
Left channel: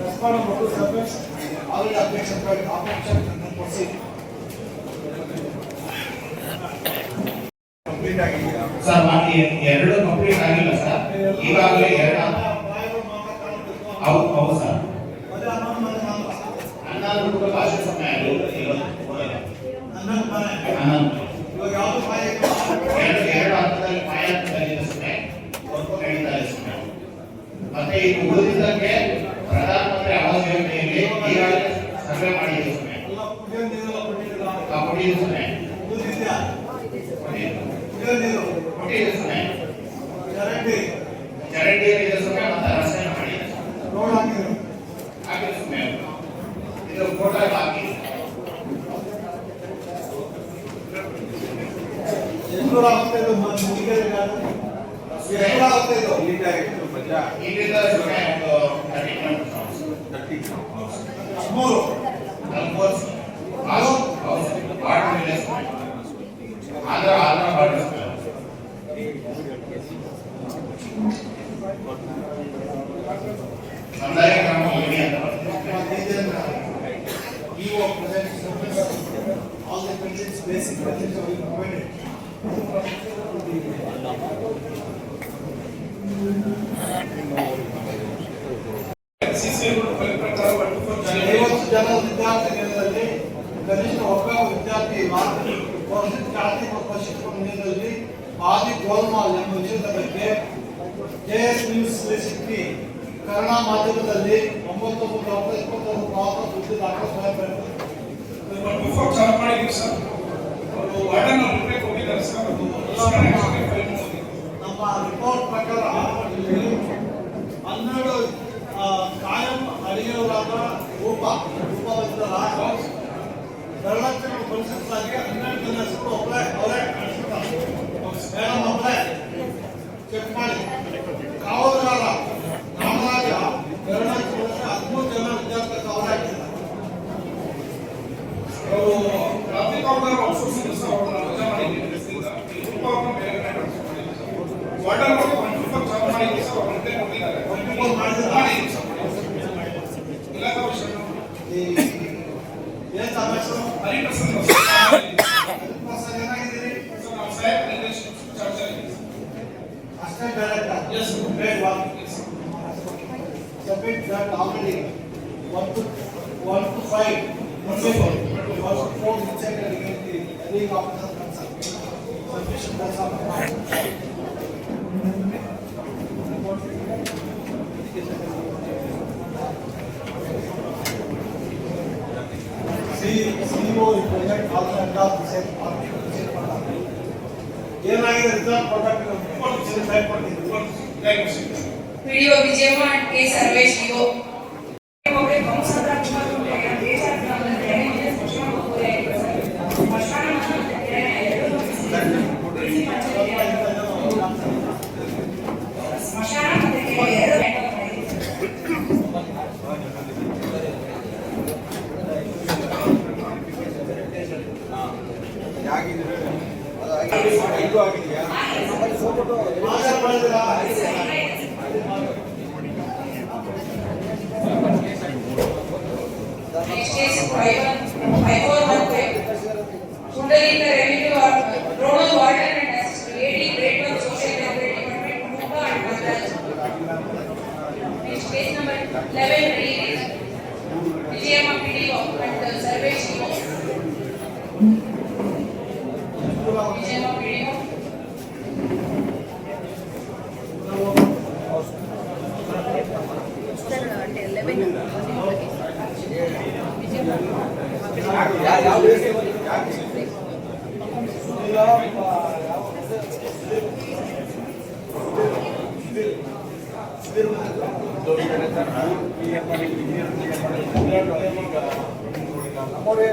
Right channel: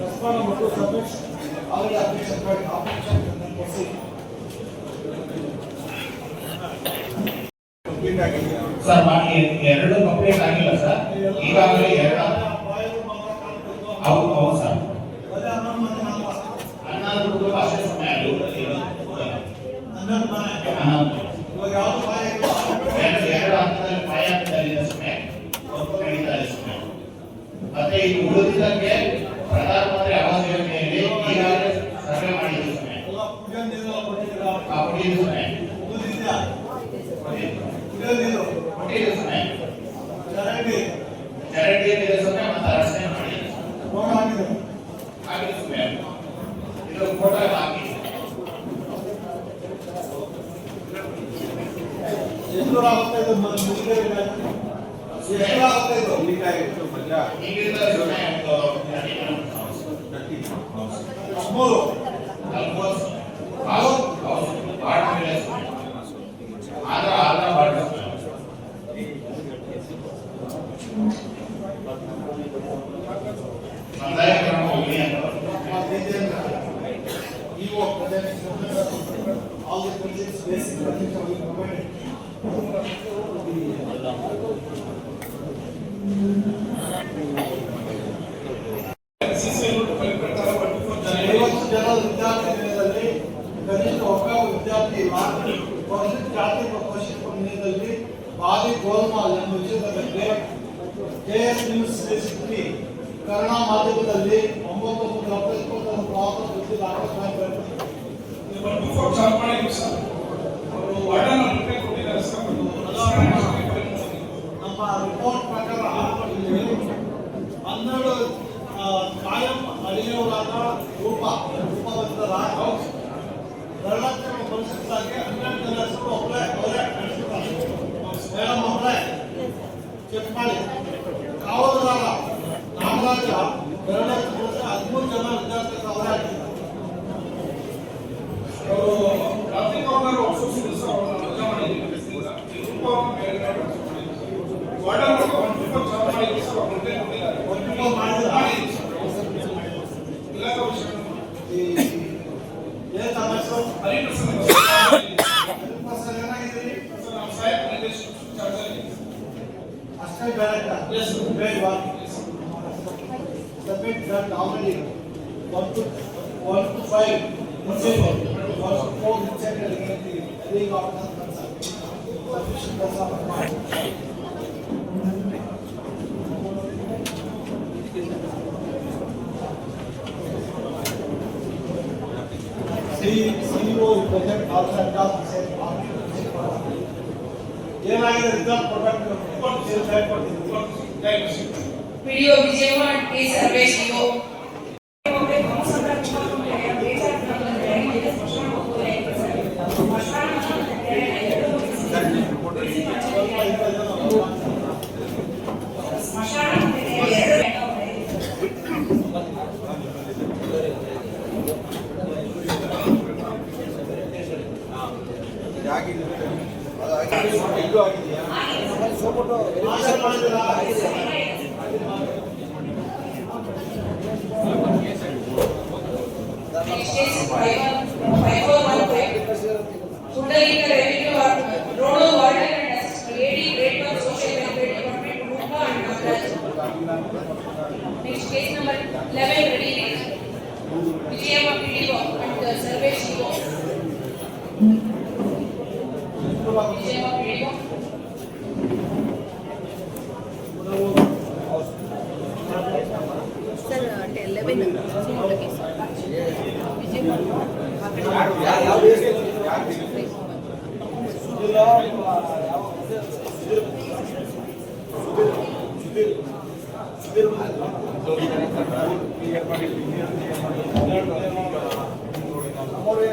ರೆಸ್ಪಾಂಡ್ ಮತ್ತು ಸಬ್ಮಿಟ್ ಅವರಿಗೆ ಅಪೇಕ್ಷೆ ಕೊಡಿಸಿ ಕಂಪ್ಲೀಟ್ ಆಗಿ ಸರ್ ಮಾಡಿ ಎರಡು ಕಂಪ್ಲೀಟ್ ಆಗಿಲ್ಲ ಸರ್. ಈಗಾಗಲೇ ಹೌದು ಹೌದು ಸರ್. ಹನ್ನೊಂದು ಭಾಷೆ ಸಮಯ ಎರಡು ಹಂತದಲ್ಲಿ ಪಾಯ ಹಂತದಲ್ಲಿದೆ ಸಮಯ ನಡೀತಾ ಇದೆ ಸಮಯ. ಮತ್ತೆ ಈಗ ಉಳಿದಿದ್ದಕ್ಕೆ ಪ್ರಧಾನಮಂತ್ರಿ ಆವಾಸ್ ಯೋಜನೆಯಲ್ಲಿ ಈಗಾಗಲೇ ಸರ್ವೆ ಮಾಡಿದ್ದು ಸಮಯ ಕೊಟ್ಟಿದ್ದು ಸಮಯ ಕೊಟ್ಟಿದ್ದು ಸಮಯ ಚರಂಡಿ ಇದೆ ಸಮಯ ಮತ್ತೆ ರಸ್ತೆ ಮಾಡಿ ಆಗಿದ್ದು ಸಮಯ. ಇದು ಫೋಟೋ ಹಾಕಿ ಎಷ್ಟು ಆಗುತ್ತೆ ಇದು ಮುಗಿಗೆ ಎಷ್ಟು ಆಗುತ್ತೆ ಇದು ಇಲ್ಲಿಂದ ಸಮಯ ಮೂರು ಆಂಧ್ರ ಬಾರ್ಡರ್ ಕಂದಾಯ ಗ್ರಾಮ ಹೋಗಿ ಅಂತ EO presents all the conditions basic conditions will be provided. ಜನ ವಿದ್ಯಾರ್ಥಿ ನಿಲಯದಲ್ಲಿ ಕನಿಷ್ಠ ಒಬ್ಬ ವಿದ್ಯಾರ್ಥಿ ಇಲ್ಲ. ಜಾತಿಕ ಪರಿಶಿಷ್ಟ ನಿಲಯದಲ್ಲಿ ಆದಿ ಗೋಲ್ಮಾಲ್ ಎಂಬ ವಿಷಯದ ಬಗ್ಗೆ KS ನ್ಯೂಸ್ 360 ಕನ್ನಡ ಮಾಧ್ಯಮದಲ್ಲಿ 9/2021 ಸುದ್ದಿ ದಾಖಲೆ ನಮ್ಮ ರಿಪೋರ್ಟ್ ಪ್ರಕಾರ ಇಲ್ಲಿ 12 ಕಾಯಂ ಅಡಿಯವರಾದ ರೂಪವಂತರ ದಳಾಂತರಗಳು ಪರಿಶೀಲಿಸಲಾಗಿ 12 ಜನ ಹೆಸರು ಅವರೇ ನಡೆಸಿದ್ದಾರೆ. ಮೇಡಮ್ ಅವರೇ ಚೆಕ್ ಮಾಡಿ. ಕಾವಲುಗಾರ ನಾಗರಾಜ 13 ಜನ ವಿದ್ಯಾರ್ಥಿಗಳು ಅವರೇ ಹಾಕಿದ್ದಾರೆ. ಏನ್ ಸಮಸ್ಯೆ ಏನಾಗಿದ್ದೀರಿ ಅಷ್ಟೇ ಬೇರೆ submit that already 1 to 5. 1 to 4 inside the hearing officer concerned. Sufficient as of CEO present also across the same party. ಏನಾಗಿದೆ ರಿಸಲ್ಟ್ ಕೊಡಬೇಕು ರಿಪೋರ್ಟ್ ಸೇಲ್ ಕೊಟ್ಟಿದ್ದೀವಿ. PDO Vijayamma K Sarvesh EO ಒಬ್ಬರೇ ಕೌನ್ಸಿಲರ್ ತುಂಬಾ ತುಂಬಾ ಬೇಜಾರು ನಮ್ಮಲ್ಲಿ ಸ್ಮಶಾನ ಹೋಗೋದೇ ಇಲ್ಲ ಸರ್. ಸ್ಮಶಾನ ಮತ್ತು ಎರಡು ಸ್ಮಶಾನ ಮತ್ತು ಎರಡು Next is 5415. Today in the revenue or road warden and lady great of social welfare department Mumbai and Maharaj. Next case number 11 release. Vijayamma PDO and survey CEO. Vijayamma PDO.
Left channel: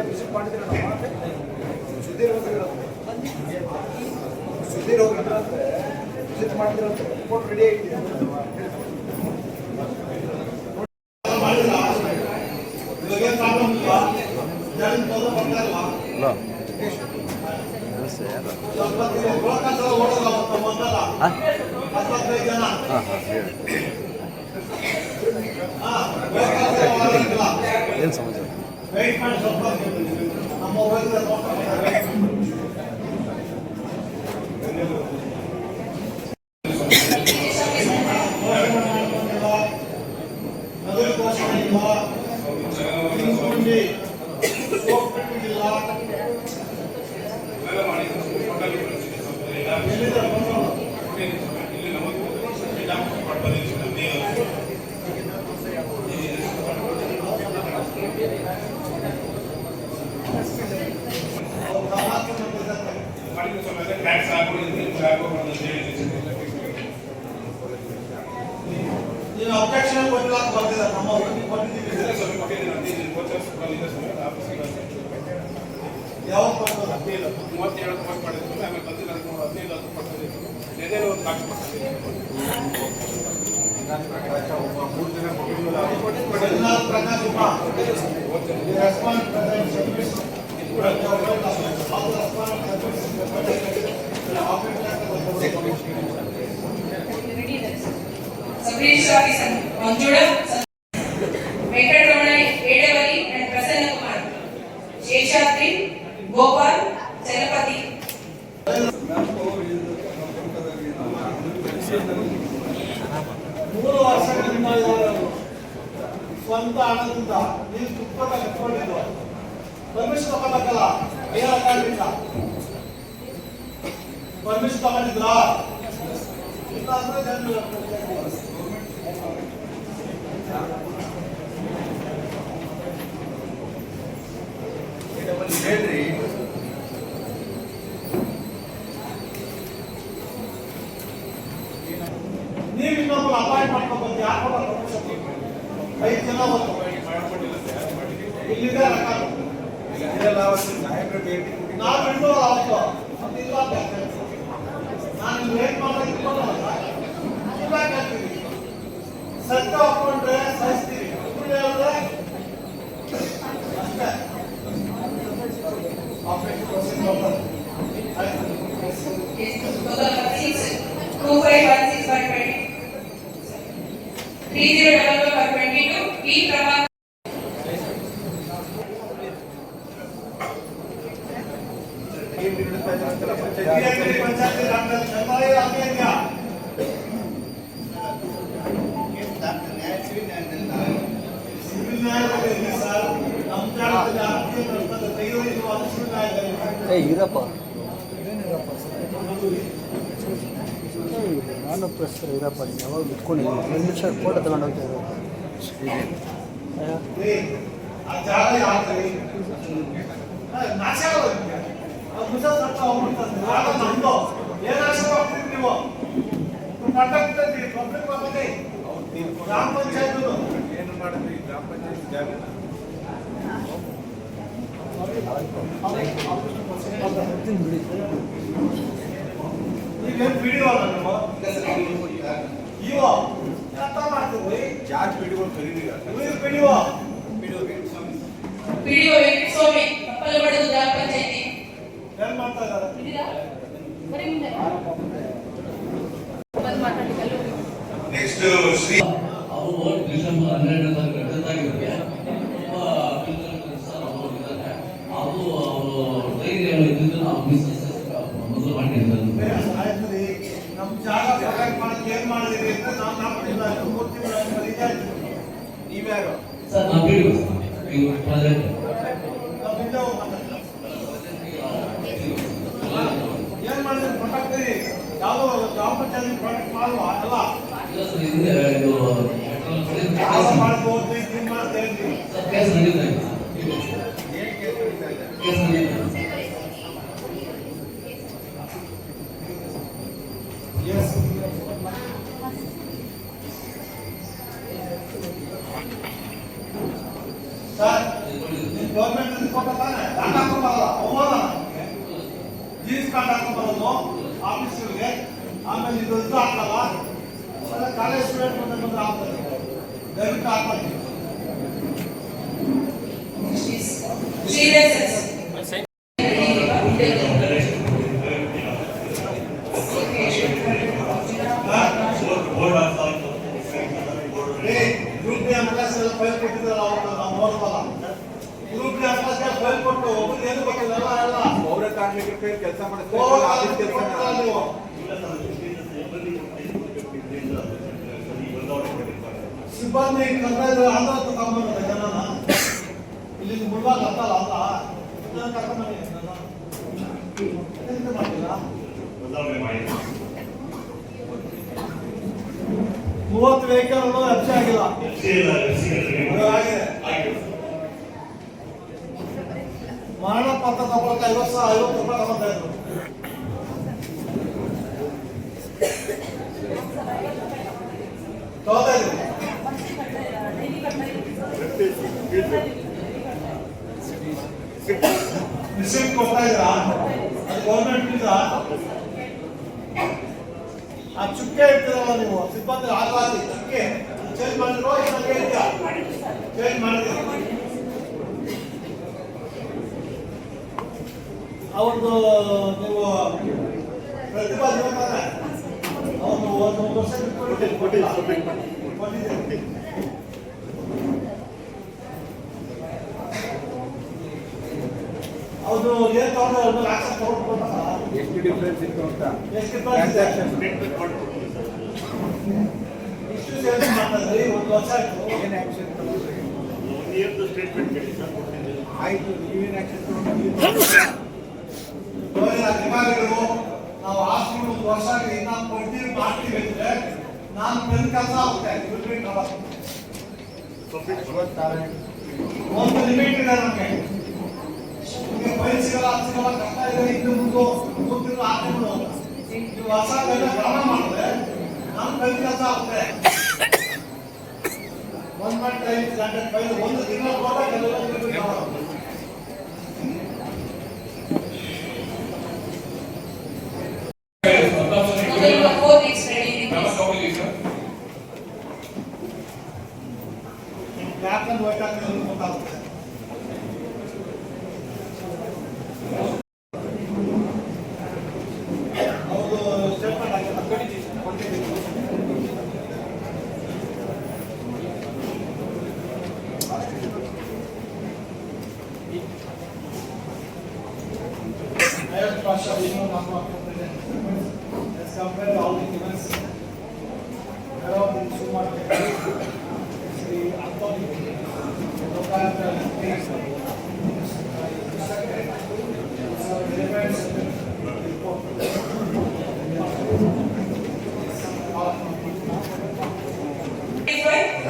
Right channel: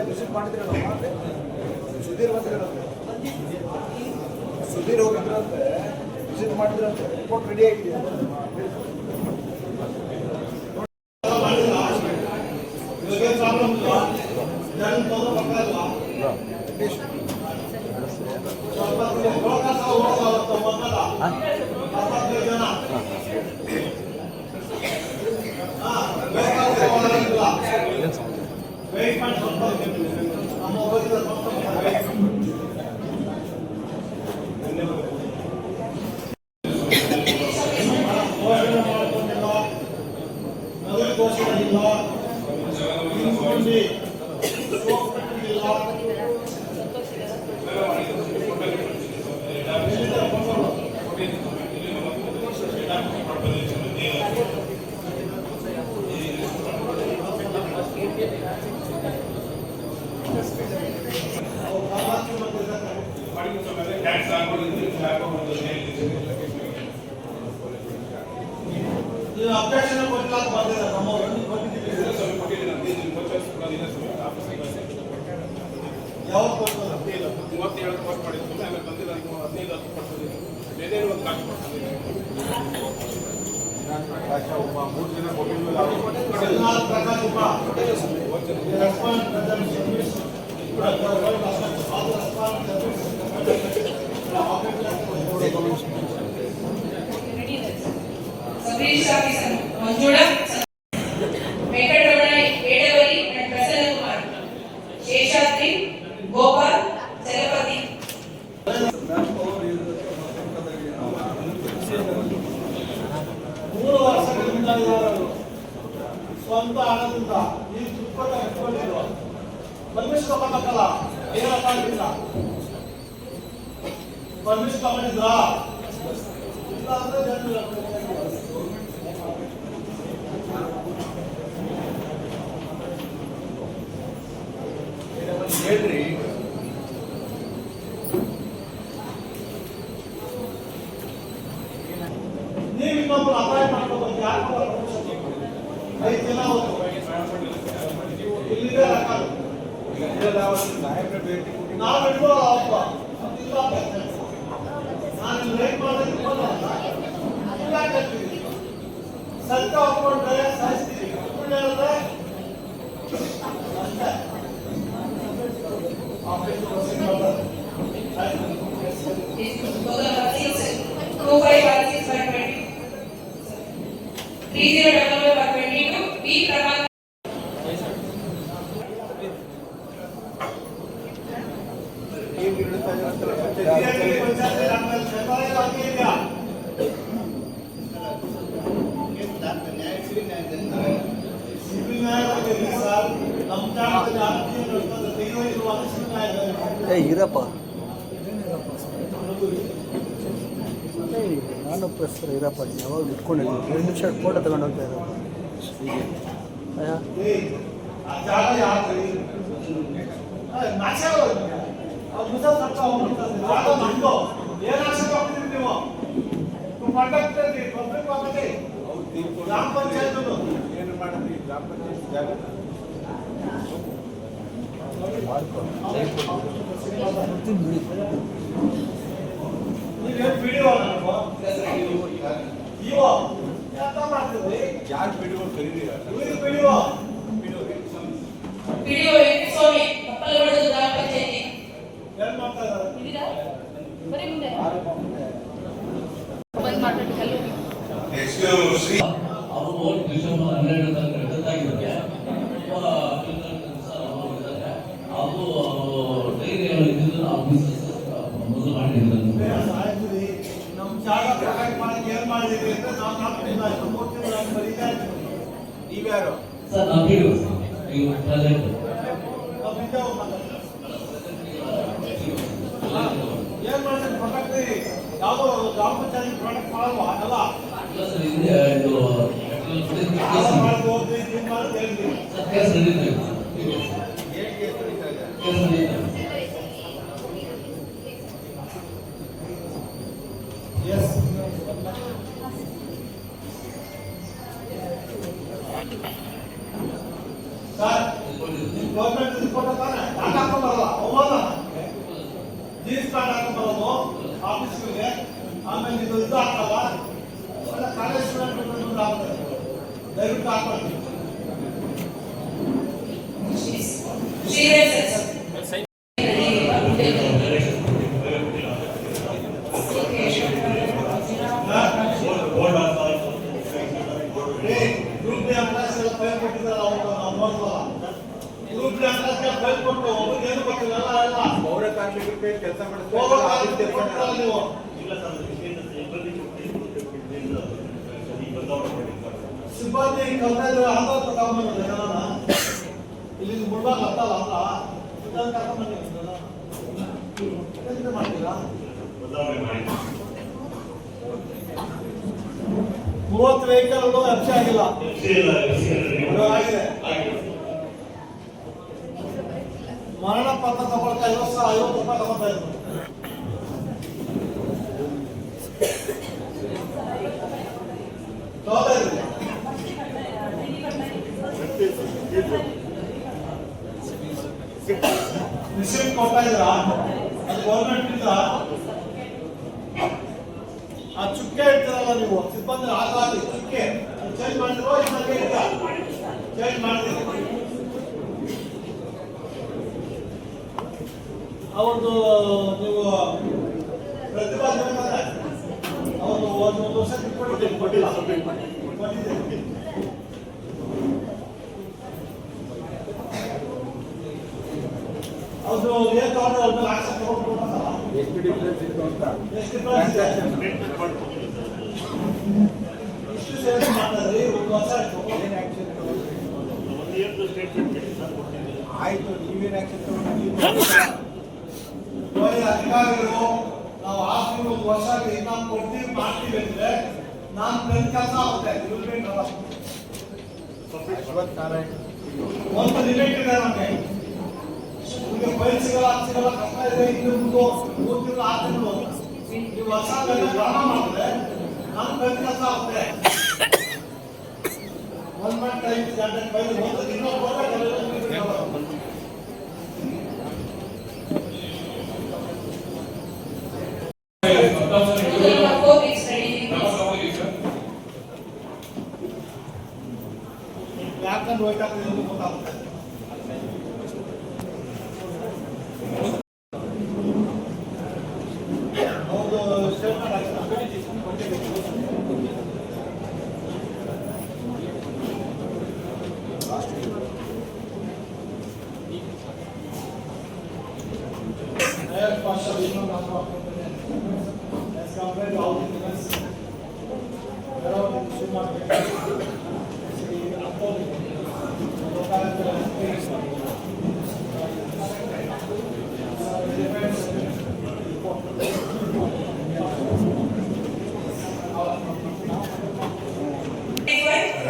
Visit ಮಾಡಿದ್ರೆ Sudhir ಹೋಗಿದ್ರಂತೆ visit ಮಾಡಿದ್ರೆ report ready ಆಗಿದೆ. ಇವಾಗೇನು problem ಇಲ್ಲ, ಜನ ತೊಂದರೆ ಬರ್ತಾ ಇಲ್ವಾ? ಸ್ವಲ್ಪ ಓಡಲ್ಲ ಮೊದಲ 15 ಜನ ವೆಯ್ಟ್ ಮಾಡಿ ಸ್ವಲ್ಪ ನಮ್ಮ ಹೋಗಿದ್ರೆ ನಗರ ಘೋಷಣೆ ಇಲ್ಲ, ಸೋಪ್ ಕಟ್ಟಿಲ್ಲ, ಎಲ್ಲಿದ್ದಾರೆ ಬಂದವರು? ನೀವು ಅಬ್ಜೆಕ್ಷನ್ ಕೊಟ್ಟಿಲ್ಲ ಅಂತ ಬಂದಿಲ್ಲ, ನಮ್ಮ ಕೊಟ್ಟಿದ್ದೀವಿ. ಯಾವಾಗ ಕೊಡ್ತಾರೆ? 37 ಪೋಸ್ಟ್ ಮಾಡಿದ್ರು, ಆಮೇಲೆ ಬಂದಿಲ್ಲ 15 ಪೋಸ್ಟ್ ಬಂದಿತ್ತು. ಏನೇನು ಒಂದು ಕಾಪಿ ಕೊಟ್ಟಿದ್ದೀವಿ. 14 Prakash Uma response service Subdivision officer Manjuda, Venkatramana, Vedavali and Prasanna Kumar, Sheshatri, Gopal, Chalapati. 3 ವರ್ಷಗಳಿಂದ ಇವರು ಸ್ವಂತ ಹಣದಿಂದ ಈ ತುಪ್ಪದ ಕಟ್ಕೊಂಡಿಲ್ವ? ಪರ್ಮಿಷನ್ ತಗೋಬೇಕಲ್ಲ, ಏನ ಕಾರಣದಿಂದ ಪರ್ಮಿಷನ್ ತಗೊಂಡಿದ್ರಾ? ಇಲ್ಲ ಅಂದ್ರೆ ಹೇಳ್ರಿ. ನೀವು ಇನ್ನೊಬ್ರು ಅಪಾಯಿಂಟ್ ಮಾಡ್ಕೋಬೇಕು. ಯಾರು ಪರ್ಮಿಷನ್ 5 ಜನ ಹೋಗ್ತು ಇಲ್ಲಿದೆ ನಾವು ಬಿಡ್ಬೋಲ್ಲ ಅವತ್ತು ಇಲ್ಲ. ನಾನು ಲೇಟ್ ಮಾಡಿದ್ರೆ ಇಟ್ಕೊಳ್ಳಲ್ಲ, ಹೇಳ್ತೀವಿ. ಸತ್ಯ ಒಪ್ಕೊಂಡ್ರೆ ಸಹಿಸ್ತೀವಿ, ಸುಳ್ಳು ಹೇಳಿದ್ರೆ ಅಷ್ಟೇ. ಆಪರೇಷನ್ ವರ್ಷಕ್ಕೆ ಬರ್ತದೆ. 2516/20, 3011/22, P. Prabhakar. ಪಂಚಾಯತ್ ಡಾಕ್ಟರ್ ಸರ್ಕಾರಿ ಅಧಿಕಾರಿಯ ಇರಪ್ಪ ನಾನು ಪ್ರೆಸ್ ಇರಪ್ಪ ಯಾವಾಗ ಬಿಟ್ಕೊಂಡಿದ್ದೀನಿ 2 ನಿಮಿಷ ಫೋಟೋ ತಗೊಂಡು ಹೋಗ್ತಾ ಇರೋದು ಆ ಜಾಗ ಯಾಕ್ರಿ ನಾಚೆ ಜಾಗ ನಮ್ದು ಏನ್ ಆಕ್ಷೇಪ ಆಗ್ತೀರಿ ನೀವು ಪಟ್ಟಕ್ಕೆ ಪಬ್ಲಿಕ್ ಆಗತ್ತೆ ಗ್ರಾಮ ಪಂಚಾಯತ್ ಏನು ಮಾಡಿದ್ರಿ ಗ್ರಾಮ ಪಂಚಾಯತ್ ಜಾಗ ನೀವೇನು ವಿಡಿಯೋ ಅಲ್ಲ ನೀವು ಇವ ಎಂತ ಮಾಡ್ತಿದ್ರಿ ಯಾರು ಪಿಡಿಗಳು ಕರೀರಿ ವಿಡಿಯೋ ಪಿಡಿಒ ವೆಂಕಟಸ್ವಾಮಿ ಕಪ್ಪಲಬೆಳಗು ಗ್ರಾಮ ಪಂಚಾಯತಿ ಏನ್ ಮಾಡ್ತಾ ಇದ್ದಾರೆ ಬಂದ್ ಮಾತಾಡಲಿಕ್ಕೆ ನೆಕ್ಸ್ಟ್ ಶ್ರೀ ಅವರು ಡಿಸೆಂಬರ್ 12ರಂದು ಜೊತೆಯಾಗಿರುತ್ತೆ ಅದು ಅವರು ಡೈರಿ ಇದ್ದಿದ್ದು ನಾವು ಮೊದಲು ಮಾಡಿದ್ದಾರೆ ಆಯ್ತು ನಮ್ಮ ಜಾಗ ಪ್ರೊಟೆಕ್ಟ್ ಮಾಡಕ್ಕೆ ಏನ್ ಮಾಡಿದ್ರಿ ಅಂತ ನಾವು ನಾಲ್ಕಿಲ್ಲ 3 ತಿಂಗಳು ಬರೀತಾ ಇದ್ದೀವಿ ನೀವ್ಯಾರು ಸರ್ ನಾವು ಬಿಡುವ ಇವು ಪ್ರಾಜೆಕ್ಟ್ ಏನ್ ಮಾಡಿದ್ರಿ ಪ್ರೊಟೆಕ್ಟ್ ಯಾವ್ದೋ ಗ್ರಾಮ ಪಂಚಾಯತ್ ಪ್ರೊಟೆಕ್ಟ್ ಮಾಡುವ ಅಲ್ಲ ಇಲ್ಲ ಸರ್ ಇದೆ ಇದು ಯಾವ ಮಾಡ್ದು ಹೋದ್ರಿ ಏನ್ ಮಾಡ್ತಾ ಇದ್ರಿ ಸರ್ ಕೇಸ್ ನಡೀತಾ ಇದೆ ಕೇಸ್ ನಡೀತಾ ಇದೆ ಎಸ್ ಸರ್ ನಿಮ್ಮ ಗೌರ್ಮೆಂಟ್ ಕೊಟ್ಟ ತಾನೆ ದಾಖಲೆ ಹಾಕೊಂಬರಲ್ಲ ಅವಮಾನ ಜೀನ್ಸ್ ಪ್ಯಾಂಟ್ ಹಾಕೊಂಬರೋದು ಆಫೀಸ್ಗಳಿಗೆ ಆಮೇಲೆ ಇದು ಹಾಕಲ್ಲ ಆಮೇಲೆ ಕಾಲೇಜ್ ಸ್ಟೂಡೆಂಟ್ ಬಂದ್ರೆ ಆಗ್ತದೆ ದಯವಿಟ್ಟು ಹಾಕೊಳ್ಳಿ ಗ್ರೂಪ್ ಡಿ ಅಂಕಸ್ ಎಲ್ಲ ಫೈಲ್ ಕೊಟ್ಟಿದ್ದಾರೆ ಅವ್ರು ನಾವು ನೋಡ್ಬೋದ ಗ್ರೂಪ್ ಡಿ ಅಂಕಸ್ ಫೈಲ್ ಕೊಟ್ಟು ಒಬ್ಬರಿಗೆ ಏನು ಗೊತ್ತಿಲ್ಲ ಎಲ್ಲ ಪೌರ ಕಾರ್ಮಿಕರ ಕೆಲಸ ನೀವು ಸಿಬ್ಬಂದಿ ಕರ್ತವ್ಯ ಆಂಧ್ರ ತಗೊಂಡ್ಬಂದ ಜನನ ಇಲ್ಲಿ ಮುಳ್ಳಾಗ ಹತ್ತಲ್ಲ ಅಲ್ಲ ಇದನ್ನ ಕರ್ಕೊಂಡ್ಬನ್ನಿ ಮಾಡಿಲ್ಲ 30 ವೆಹಿಕಲ್ ಎಫ್ಸಿ ಆಗಿಲ್ಲ ಮರಣ ಪತ್ರ ತಗೊಳಕ್ಕೆ 50 ರೂಪಾಯಿ ತಗೊಳ್ತಾ ಇದ್ರು ತಗೋತಾ ಇದ್ರಿ ರಿಸಿಪ್ಟ್ ಕೊಡ್ತಾ ಇದ್ರಾ ಅದು ಗೌರ್ಮೆಂಟ್ ಇಂದ ಆ ಚುಕ್ಕೆ ಇರ್ತೀರಲ್ಲ ನೀವು ಸಿಬ್ಬಂದಿ ಹಾಕಿ ಚುಕ್ಕೆ ಚೇಂಜ್ ಮಾಡಿದ್ರು ಇದ್ದಂಗೆ ಇದೆಯಾ ಚೇಂಜ್ ಮಾಡಿದ್ರಿ ಅವತ್ತು ನೀವು ಪ್ರತಿಭಾ ಜೀವನ ಅವನು ಒಂದು ವರ್ಷ ಕೊಟ್ಟಿಲ್ಲ ಅದು ಏನ್ ತಗೊಂಡು ಒಂದು ಲಕ್ಷ ತಗೊಂಡು ಎಷ್ಟು ಡಿಫ್ರೆನ್ಸ್ ಇತ್ತು ಅಂತ ಎಷ್ಟು ಇಷ್ಟು ಸೇಲ್ಸ್ ಮಾಡ್ತಾರೆ 1 ವರ್ಷ ಆಯ್ತು ಏನ್ ಆಕ್ಷನ್ ತಗೊಂಡ್ರಿ ಆಯ್ತು ನೀವೇನ್ ಆಕ್ಷನ್ ತಗೊಂಡ್ರಿ ಅಧಿಕಾರಿಗಳು ನಾವು ಹಾಸ್ಪಿಟಲ್ 1 ವರ್ಷ ನಾವು ಕೊಡ್ತೀವಿ ಮಾಡ್ತೀವಿ ಅಂದ್ರೆ ನಾನು ನನ್ನ ಕೆಲಸ ಆಗುತ್ತೆ ಇವ್ರಿಗೆ ಒಂದು ಲಿಮಿಟ್ ಇದೆ ನಮಗೆ ನಿಮಗೆ ಫೈಲ್ ಸಿಗಲ್ಲ ಅದು ಸಿಗಲ್ಲ ಕಷ್ಟ ಇದೆ ಇನ್ನು ಮುಂದೆ 3 ತಿಂಗಳು 6 ತಿಂಗಳು ಅಂತ ನೀವು ಹೊಸ ಡ್ರಾಮಾ ಮಾಡಿದ್ರೆ ನಮ್ಮ ಕೈ ಕೆಲಸ ಆಗುತ್ತೆ 1.5 ಗಂಟೆ ಫೈಲ್ ಒಂದು ದಿನ ಕೊಟ್ಟರೆ ಯಾಕಂದ್ರೆ ಹೋಗ್ತಾರೆ ಗೊತ್ತಾಗುತ್ತೆ ಅವ್ರದ್ದು ಸ್ಟೇಟ್ಮೆಂಟ್ ಹಾಕಿಲ್ಲ partial even number of components as compared to all the events around in supermarket. See, local things. So very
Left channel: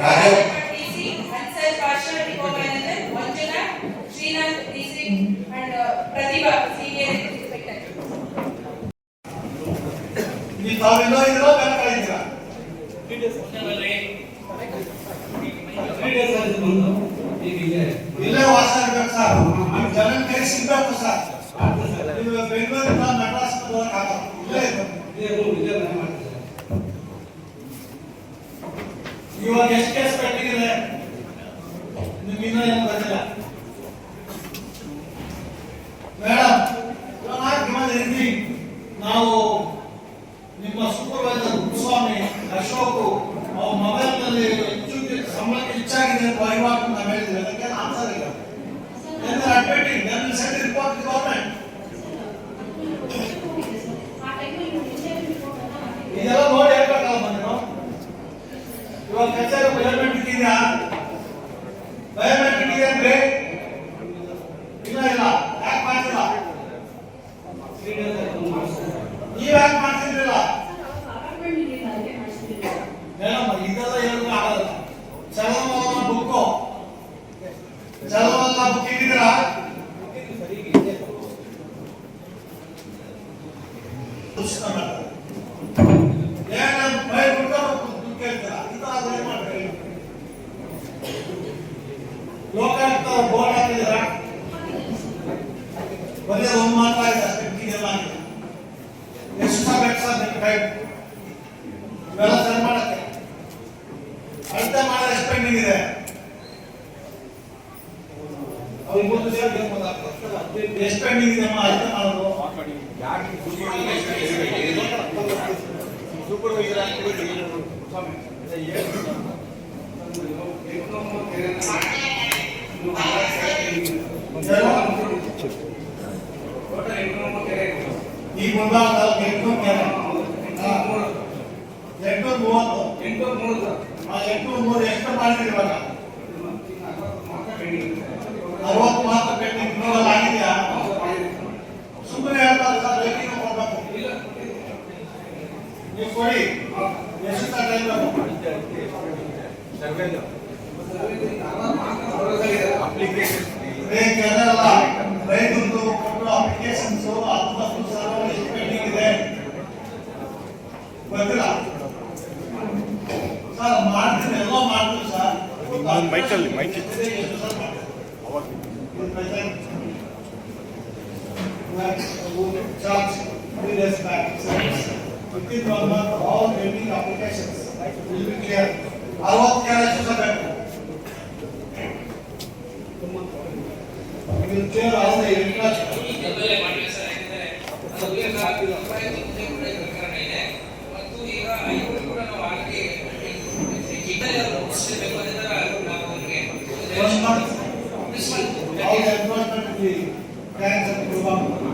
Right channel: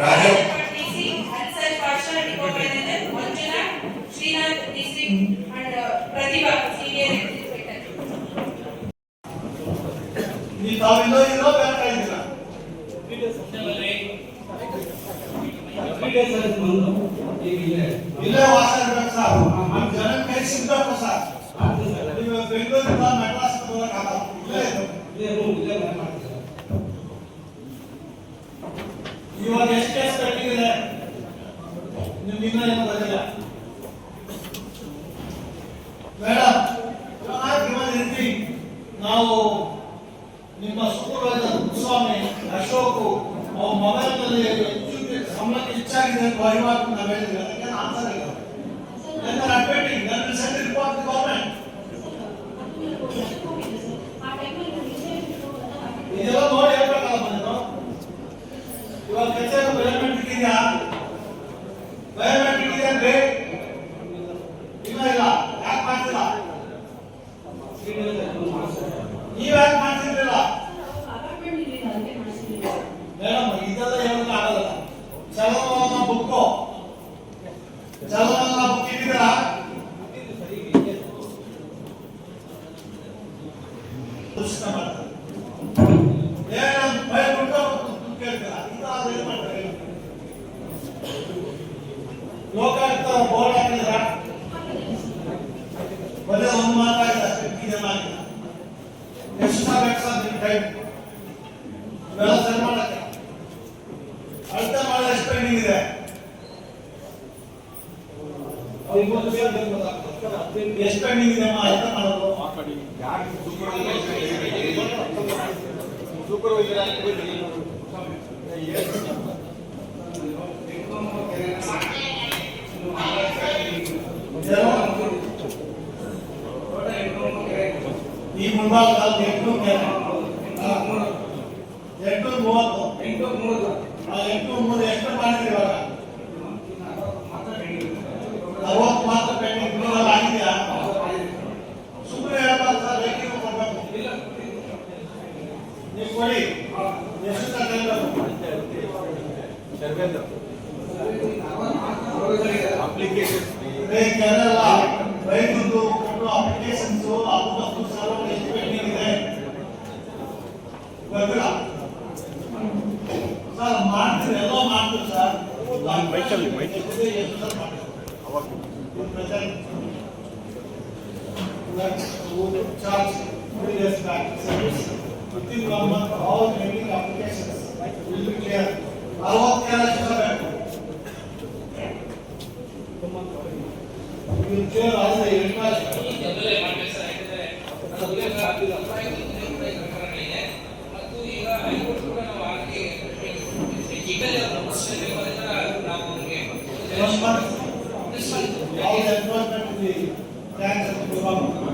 Rajappat DC, Hansal Pasha, Nico Manager, Manjuna, Srinath DC, and Pratibha, Senior Inspector. ನೀವು ತಾವೆಲ್ಲೋ ಇದ್ದೀರಾ bank ಇದ್ದೀರಾ ಇಲ್ಲೇ ವಾಸ ಇರ್ಬೇಕು sir ನಿಮ್ಮ ಜನ ಕೈ ಸಿಗ್ಬೇಕು ಸರ್ ನೀವು ಬೆಂಗಳೂರಿಂದ ಮೆಡ್ರಾಸ್ ಹೋಗಕ್ಕಾಗಲ್ಲ ಇಲ್ಲೇ ಇವಾಗ ಎಷ್ಟು ಕೇಸ್ ಪೆಂಡಿಂಗ್ ಇದೆ ನಿಮ್ಗೆ ಇನ್ನೂ ಏನು ಬಂದಿಲ್ಲ ಮೇಡಮ್ ನಾವು ನಿಮ್ಮ ಸೂಪರ್ವೈಸರ್ ಸ್ವಾಮಿ ಅಶೋಕ್ ಅವ್ರ ಮೊಬೈಲ್ ನಲ್ಲಿ ಸಂಬಳಕ್ಕೆ ಹೆಚ್ಚಾಗಿದೆ ಅಂತ ವಹಿವಾಟು ನಾವು ಹೇಳಿದ್ವಿ ಅದಕ್ಕೆ ಆನ್ಸರ್ ಇಲ್ಲ ರಿಪೋರ್ಟ್ ಗವರ್ಮೆಂಟ್ ಇದೆಲ್ಲ ನೋಡಿ ಹೇಳ್ಬೇಕಲ್ಲ ಬಂದ್ರು ಇವಾಗ ಕೆಲಸ ಬಯೋಮೆಟ್ರಿಕ್ ಇದೆಯಾ ಬಯೋಮೆಟ್ರಿಕ್ ಇದೆ ಅಂದ್ರೆ ಇಲ್ಲ ಇಲ್ಲ ಯಾಕೆ ಮಾಡ್ತಿಲ್ಲ ನೀವ್ ಯಾಕೆ ಮಾಡ್ತಿದ್ರಿಲ್ಲ ಮೇಡಮ್ ಇದೆಲ್ಲ ಹೇಳೋದು ಆಗಲ್ಲ ಚಲನವಲನ ಬುಕ್ಕು ಚಲನವಲನ ಬುಕ್ ಇಟ್ಟಿದ್ದೀರಾ ಲೋಕಾಯುಕ್ತ ಬೋರ್ಡ್ ಹಾಕಿದ್ರ ಬರೀ ಒಂದು ಮಾತ್ರ ಆಯ್ತು ಅಷ್ಟೇ ಇದೆಲ್ಲ ಆಗಿದೆ ಎಷ್ಟು ಬೇಕು ಸರ್ ನಿಮ್ಮ ಟೈಮ್ ಇವೆಲ್ಲ ಸರಿ ಮಾಡಕ್ಕೆ ಅರ್ಥ ಮಾಡಿದ ಎಷ್ಟು ಪೆಂಡಿಂಗ್ ಇದೆ ಎಷ್ಟು ಪೆಂಡಿಂಗ್ ಇದೆ ಅರ್ಥ ಮಾಡೋದು ಸೂಪರ್ವೈಸರ್ ಈ ಮುಂಭಾಗ 830 ಎಷ್ಟು ಮಾಡಿದ್ರಿ ಇವಾಗ 60 ಮಾತ್ರ ಪೆಂಡಿಂಗ್ ಇನ್ನೂರಲ್ಲಿ ಆಗಿದೆಯಾ ಸುಮ್ಮನೆ ಹೇಳ್ತಾರೆ ಸರ್ ರೇಟಿಂಗ್ ಕೊಡ್ಬೇಕು ನೀವು ಕೊಡಿ ಎಷ್ಟು ಜನರಲ್ಲ ರೈತರದ್ದು ಅಪ್ಲಿಕೇಶನ್ಸ್ ಅದು ಸರ್ವರ್ ಎಷ್ಟು ಪೆಂಡಿಂಗ್ ಇದೆ ಗೊತ್ತಿಲ್ಲ ಸರ್ ಮಾಡ್ತೀವಿ ಎಲ್ಲ ಮಾಡ್ತೀವಿ sir ಮೈಕಲ್ಲಿ charge 3 days back. Within 1 month, all pending applications will be clear. All clear we will clear all the interest. One month. All the employment will be thanks to the government.